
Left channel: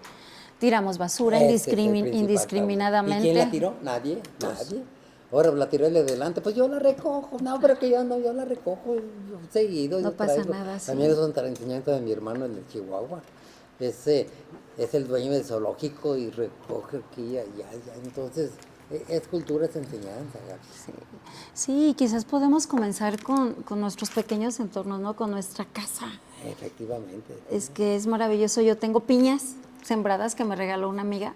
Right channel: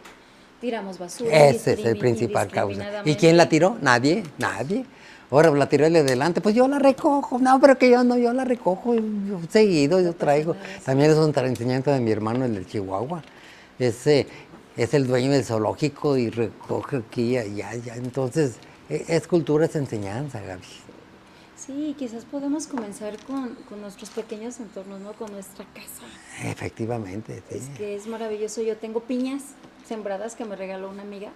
tiramos basura Ese es el principal indiscriminadamente. causa. ¿Y quién la tiró? Nadie. Ahora la tiró el de delante, pues yo la recojo. No, pero que yo la recojo seguido, No yo pasa traigo. nada, sí. También es otra enseñanza de mi hermano, el de Chihuahua. Es el dueño del zoológico y recoge aquí y allá. Entonces, es cultura, es enseñanza, Gaby. Sí, quizás podemos comenzar con nuestros pequeños entornos, ¿no? Con nuestra casa. Efectivamente. Sí. Es que es maravilloso. Yo tengo piñas sembradas que me regaló una amiga.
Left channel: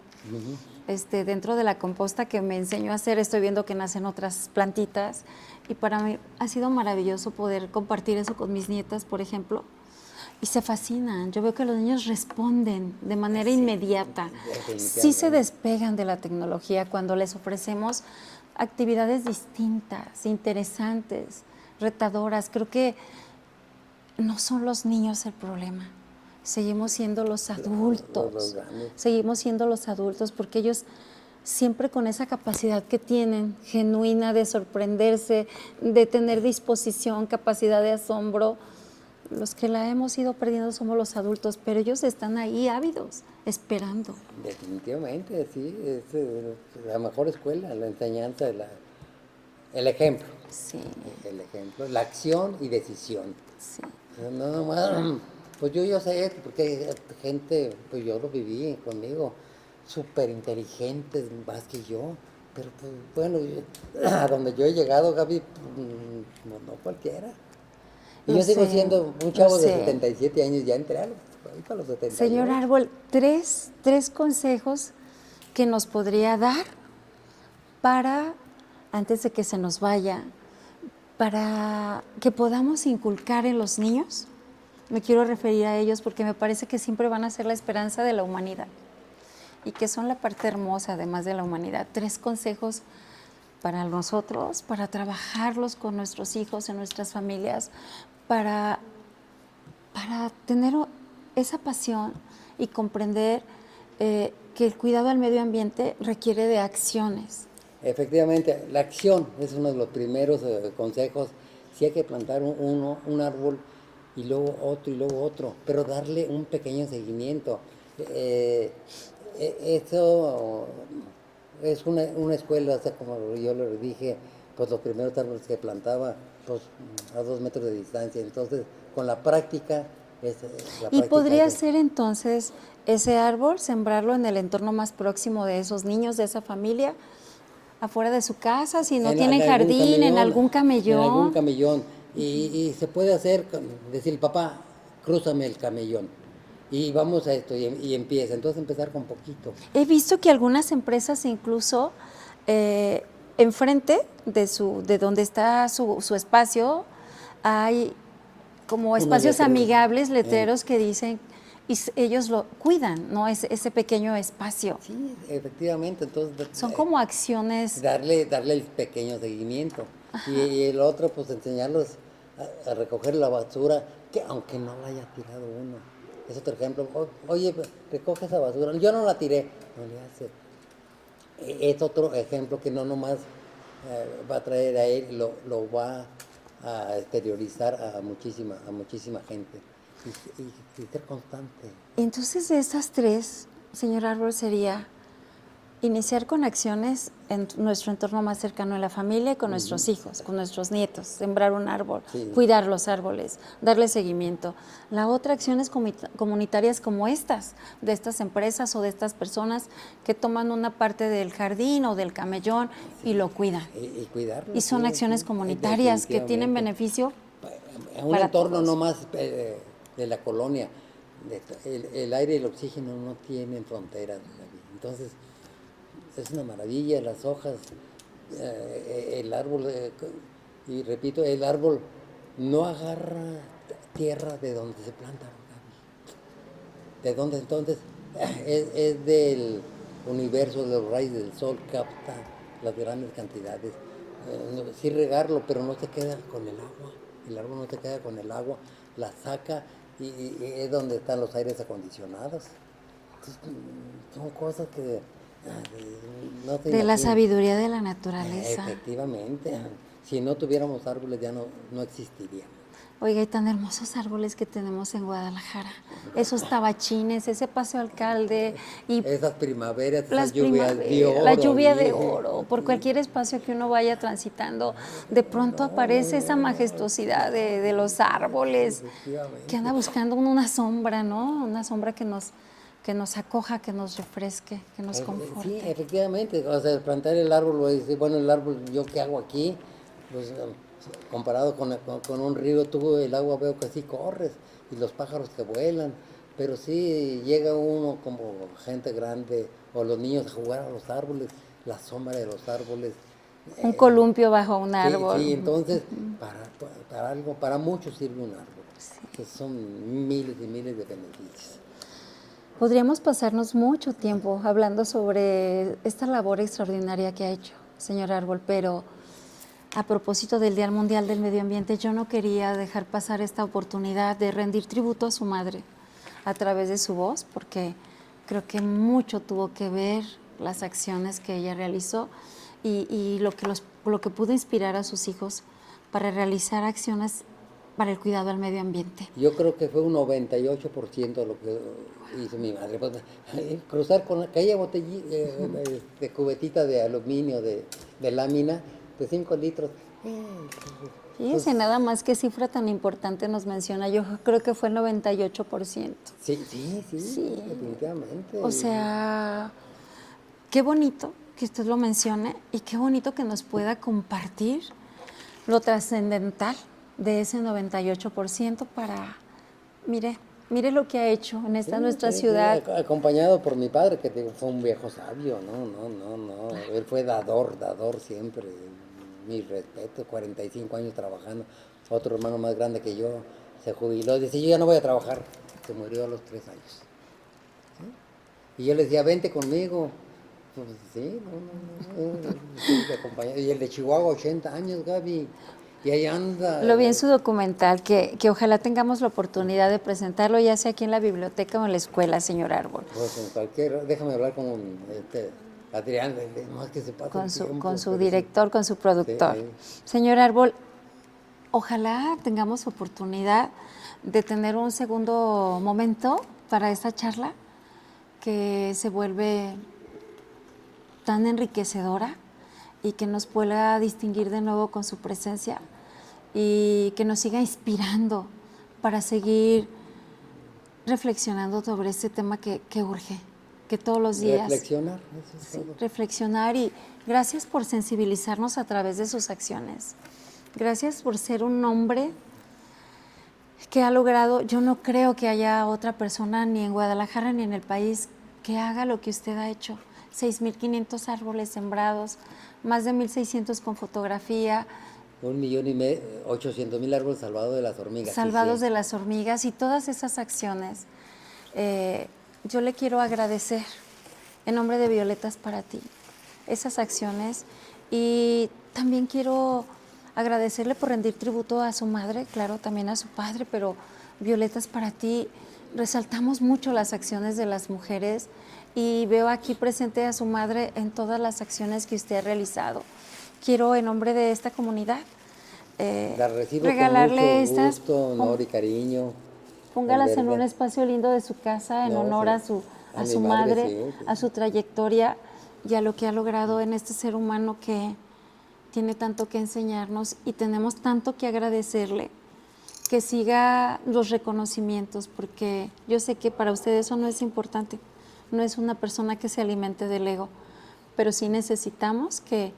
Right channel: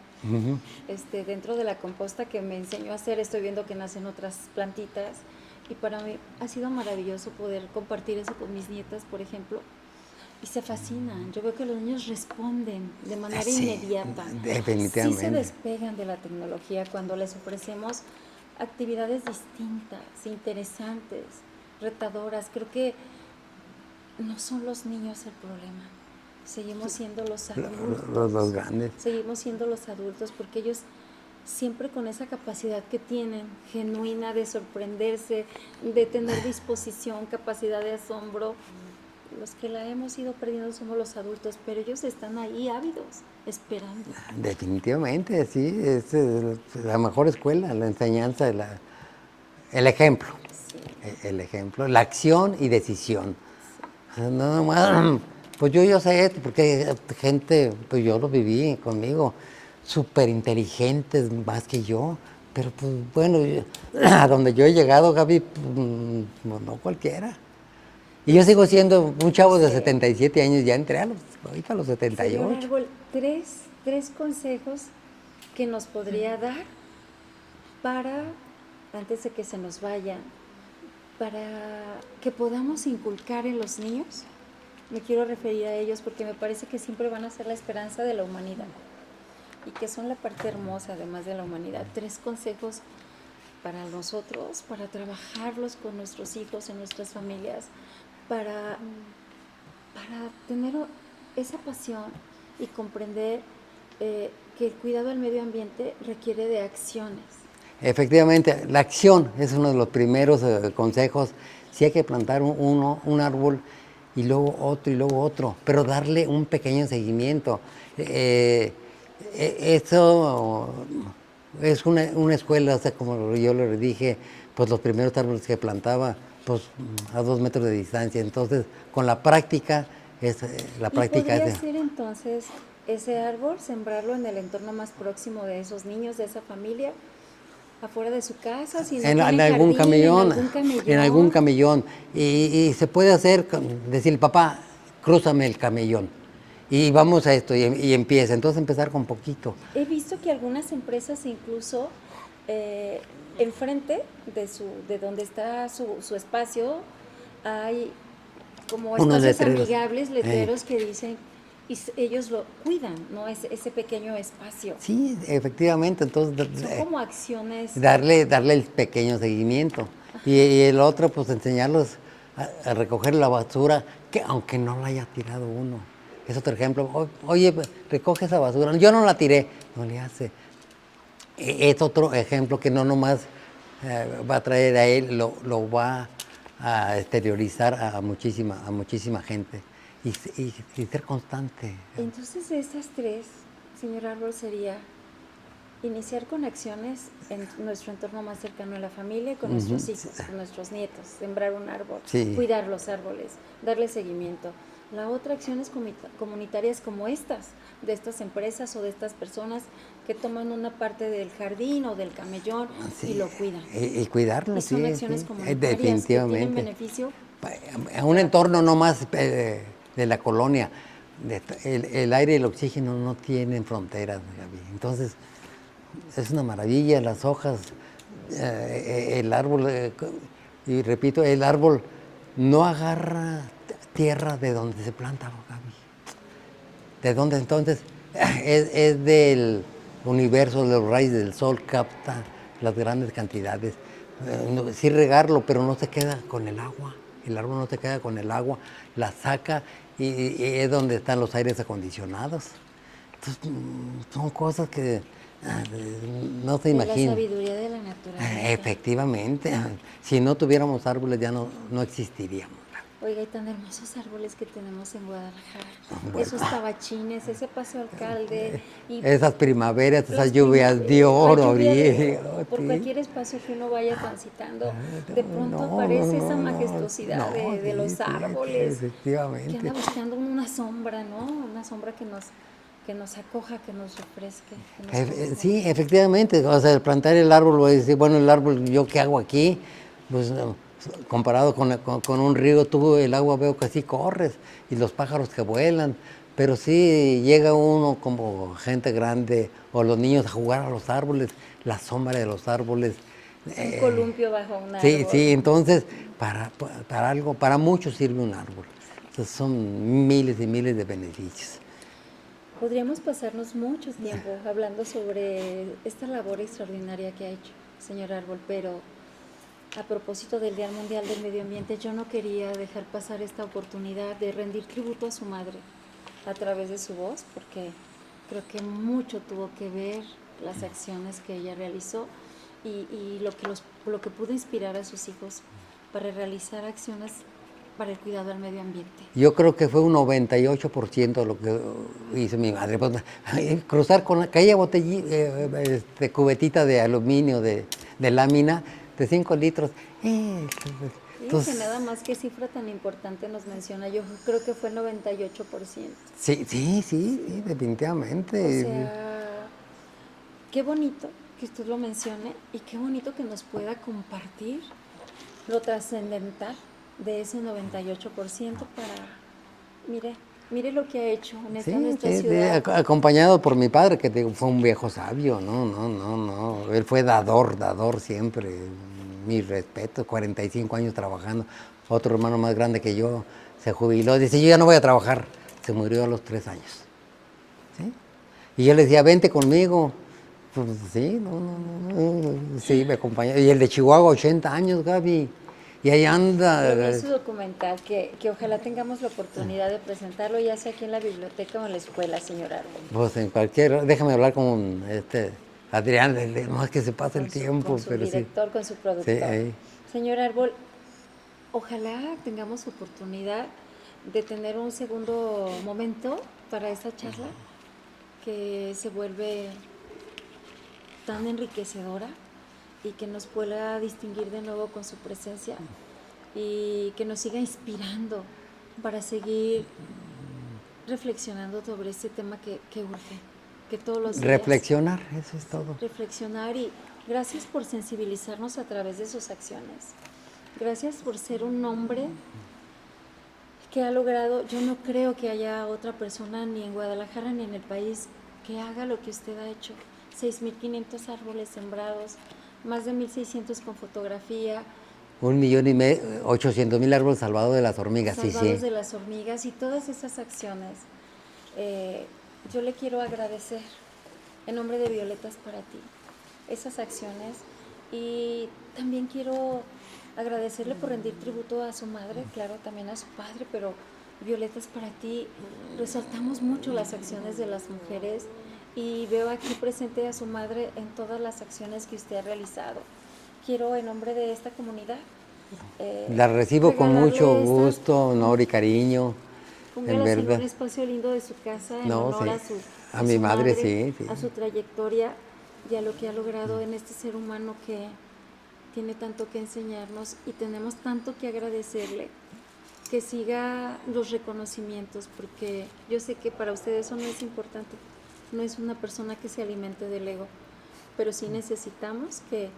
Dentro de la composta que me enseñó a hacer, estoy viendo que nacen otras plantitas. Y para mí ha sido maravilloso poder compartir eso con mis nietas, por ejemplo. Y se fascinan. Yo veo que los niños responden de manera inmediata. Definitivamente. Sí se despegan de la tecnología cuando les ofrecemos actividades distintas, interesantes, retadoras. Creo que no son los niños el problema. Seguimos siendo los adultos. Los grandes. Seguimos siendo los adultos porque ellos siempre con esa capacidad que tienen, genuina de sorprenderse, de tener disposición, capacidad de asombro. Los que la hemos ido perdiendo somos los adultos, pero ellos están ahí ávidos, esperando. Definitivamente, sí, es la mejor escuela, la enseñanza, el ejemplo. Sí. El ejemplo, la acción y decisión. Sí. No más, pues yo sé, porque gente, pues yo lo viví conmigo, súper inteligentes más que yo, pero pues bueno, a donde yo he llegado, Gaby, pues, no cualquiera. Y yo sigo siendo un chavo de 77 años, ya entré ahorita a los 78. Señor Árbol, tres consejos que nos podría dar para, antes de que se nos vaya, para que podamos inculcar en los niños. Me quiero referir a ellos porque me parece que siempre van a ser la esperanza de la humanidad y que son la parte hermosa además de la humanidad. 3 consejos para nosotros, para trabajarlos con nuestros hijos, en nuestras familias, para tener esa pasión y comprender que el cuidado al medio ambiente requiere de acciones. Efectivamente, la acción es uno de los primeros consejos. Sí hay que plantar un árbol y luego otro, pero darle un pequeño seguimiento. Eso es una escuela, o sea, como yo le dije, pues los primeros árboles que plantaba pues a 2 metros de distancia. Entonces, con la práctica, la ¿Y práctica podría es... ser entonces ese árbol, sembrarlo en el entorno más próximo de esos niños, de esa familia, afuera de su casa, si no tienen algún jardín, en camellón, algún en algún camellón? camellón. Y se puede hacer, decir, papá, crúzame el camellón. Y vamos a esto, y empieza. Entonces empezar con poquito. He visto que algunas empresas incluso enfrente de donde está su espacio hay como Unos espacios letreros. amigables, letreros que dicen, ellos lo cuidan, ¿no? Ese pequeño espacio. Sí, efectivamente. Entonces, Son como acciones. darle el pequeño seguimiento. Y el otro, pues enseñarlos a recoger la basura, que aunque no la haya tirado uno. Es otro ejemplo. Oye, recoge esa basura. Yo no la tiré. No le hace. Es otro ejemplo que no nomás va a traer a él, lo va a exteriorizar a muchísima gente. Y ser constante. Entonces, de estas tres, señor Árbol, sería iniciar con acciones en nuestro entorno más cercano a la familia, con nuestros hijos, con nuestros nietos, sembrar un árbol, Sí. cuidar los árboles, darle seguimiento. La otra, acciones comunitarias como estas, de estas empresas o de estas personas que toman una parte del jardín o del camellón y lo cuidan. Y cuidarlo. Y son sí, acciones sí, comunitarias que tienen definitivamente. beneficio A un para entorno todos. no más de la colonia. El aire y el oxígeno no tienen fronteras, Gaby. Entonces, es una maravilla, las hojas, el árbol, y repito, el árbol no agarra tierra de donde se planta, Gaby. ¿De dónde entonces? Es del universo, de los rayos del sol, capta las grandes cantidades. Sí regarlo, pero no se queda con el agua. El árbol no se queda con el agua, la saca y es donde están los aires acondicionados. Entonces, son cosas que no se De imaginan. la sabiduría de la naturaleza. Efectivamente. Si no tuviéramos árboles ya no existiríamos. Oiga, y tan hermosos árboles que tenemos en Guadalajara. Esos tabachines, ese Paseo Alcalde. Y esas primaveras, las esas lluvias de primaveras, oro. la lluvia de bien, oro. Por sí. cualquier espacio que uno vaya transitando, de pronto aparece esa majestuosidad de los sí, árboles. efectivamente. Que anda buscando uno una sombra, ¿no? Una sombra que nos acoja, que nos refresque, que nos conforte. Sí, efectivamente. O sea, plantar el árbol, voy a decir, bueno, el árbol, ¿yo qué hago aquí? Pues comparado con un río, tú el agua veo que así corres y los pájaros que vuelan. Pero sí llega uno como gente grande o los niños a jugar a los árboles, la sombra de los árboles. Un columpio bajo un árbol. Sí, entonces para algo, para muchos sirve un árbol. Entonces son miles y miles de beneficios. Podríamos pasarnos mucho tiempo hablando sobre esta labor extraordinaria que ha hecho, señor Árbol, pero a propósito del Día Mundial del Medio Ambiente, yo no quería dejar pasar esta oportunidad de rendir tributo a su madre a través de su voz, porque creo que mucho tuvo que ver las acciones que ella realizó y lo que pudo inspirar a sus hijos para realizar acciones para el cuidado del medio ambiente. Yo creo que fue un 98% de lo que hizo mi madre. Pues, cruzar con aquella botellita, cubetita de aluminio, de lámina, de 5 litros. Fíjense nada más qué cifra tan importante nos menciona. Yo creo que fue el 98%. Sí, definitivamente. O sea, qué bonito que usted lo mencione y qué bonito que nos pueda compartir lo trascendental de ese 98% para, mire lo que ha hecho en esta nuestra ciudad. Acompañado por mi padre, que fue un viejo sabio, no. Él fue dador siempre. Mi respeto, 45 años trabajando. Otro hermano más grande que yo se jubiló, dice, yo ya no voy a trabajar. Se murió a los 3 años. ¿Sí? Y yo le decía, vente conmigo. Pues sí, sí, me acompañó. Y el de Chihuahua, 80 años, Gaby. Y ahí anda. Lo vi en su documental, que ojalá tengamos la oportunidad de presentarlo, ya sea aquí en la biblioteca o en la escuela, señor Árbol. Pues en déjame hablar con Adrián, no es que se pase el tiempo. Con su director, sí. Con su productor. Sí. Señor Árbol, ojalá tengamos oportunidad de tener un segundo momento para esta charla que se vuelve tan enriquecedora y que nos pueda distinguir de nuevo con su presencia y que nos siga inspirando para seguir reflexionando sobre este tema que urge, que todos los días... Reflexionar, eso es Sí, todo. reflexionar, y gracias por sensibilizarnos a través de sus acciones. Gracias por ser un hombre que ha logrado, yo no creo que haya otra persona ni en Guadalajara ni en el país que haga lo que usted ha hecho. 6.500 árboles sembrados, más de 1.600 con fotografía, 1.800.000 árboles salvados de las hormigas. salvados sí. de las hormigas, y todas esas acciones. Yo le quiero agradecer en nombre de Violetas para ti esas acciones, y también quiero agradecerle por rendir tributo a su madre, claro, también a su padre, pero Violetas para ti resaltamos mucho las acciones de las mujeres, y veo aquí presente a su madre en todas las acciones que usted ha realizado. Quiero, en nombre de esta comunidad, La recibo con regalarle mucho estas, gusto, honor y cariño. póngalas en un verdad. espacio lindo de su casa en No, honor sí. a mi su madre, madre, sí. a su trayectoria y a lo que ha logrado en este ser humano que tiene tanto que enseñarnos, y tenemos tanto que agradecerle. Que siga los reconocimientos, porque yo sé que para usted eso no es importante, no es una persona que se alimente del ego, pero sí necesitamos que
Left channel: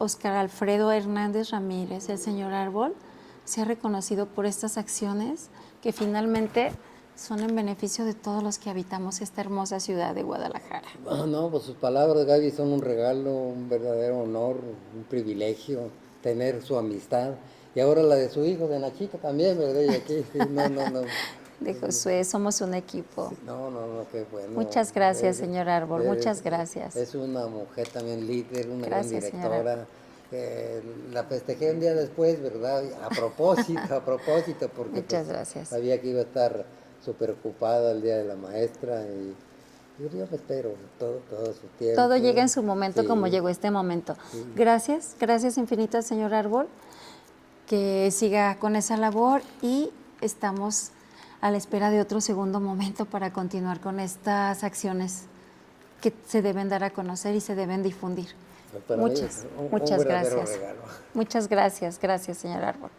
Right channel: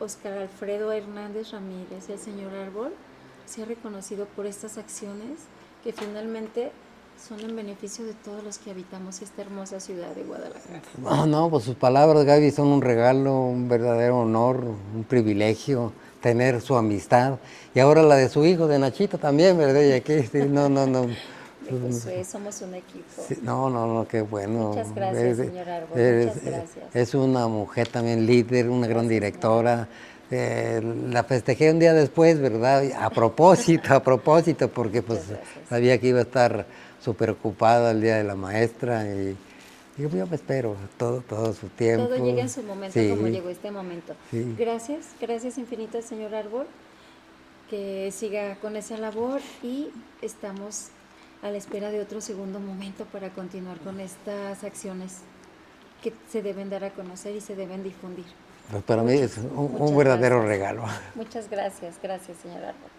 Óscar Alfredo Hernández Ramírez, el señor Árbol, sea reconocido por estas acciones que finalmente son en beneficio de todos los que habitamos esta hermosa ciudad de Guadalajara. No, pues sus palabras, Gaby, son un regalo, un verdadero honor, un privilegio tener su amistad. Y ahora la de su hijo, de Nachito también, ¿verdad? Y aquí, sí, no. De Josué, somos un equipo. Sí, no, qué bueno. Muchas gracias, señor Árbol, muchas gracias. Es una mujer también líder, una gran Gracias, directora. La festejé un día después, ¿verdad? A propósito, porque pues Muchas gracias. sabía que iba a estar súper ocupada el Día de la Maestra, y digo, yo me espero todo su tiempo. Todo llega en su momento, Sí, como llegó este momento. sí. Gracias infinitas, señor Árbol, que siga con esa labor, y estamos a la espera de otro segundo momento para continuar con estas acciones que se deben dar a conocer y se deben difundir. Pues para mí es un muchas verdadero gracias. regalo. Muchas gracias, señor Árbol.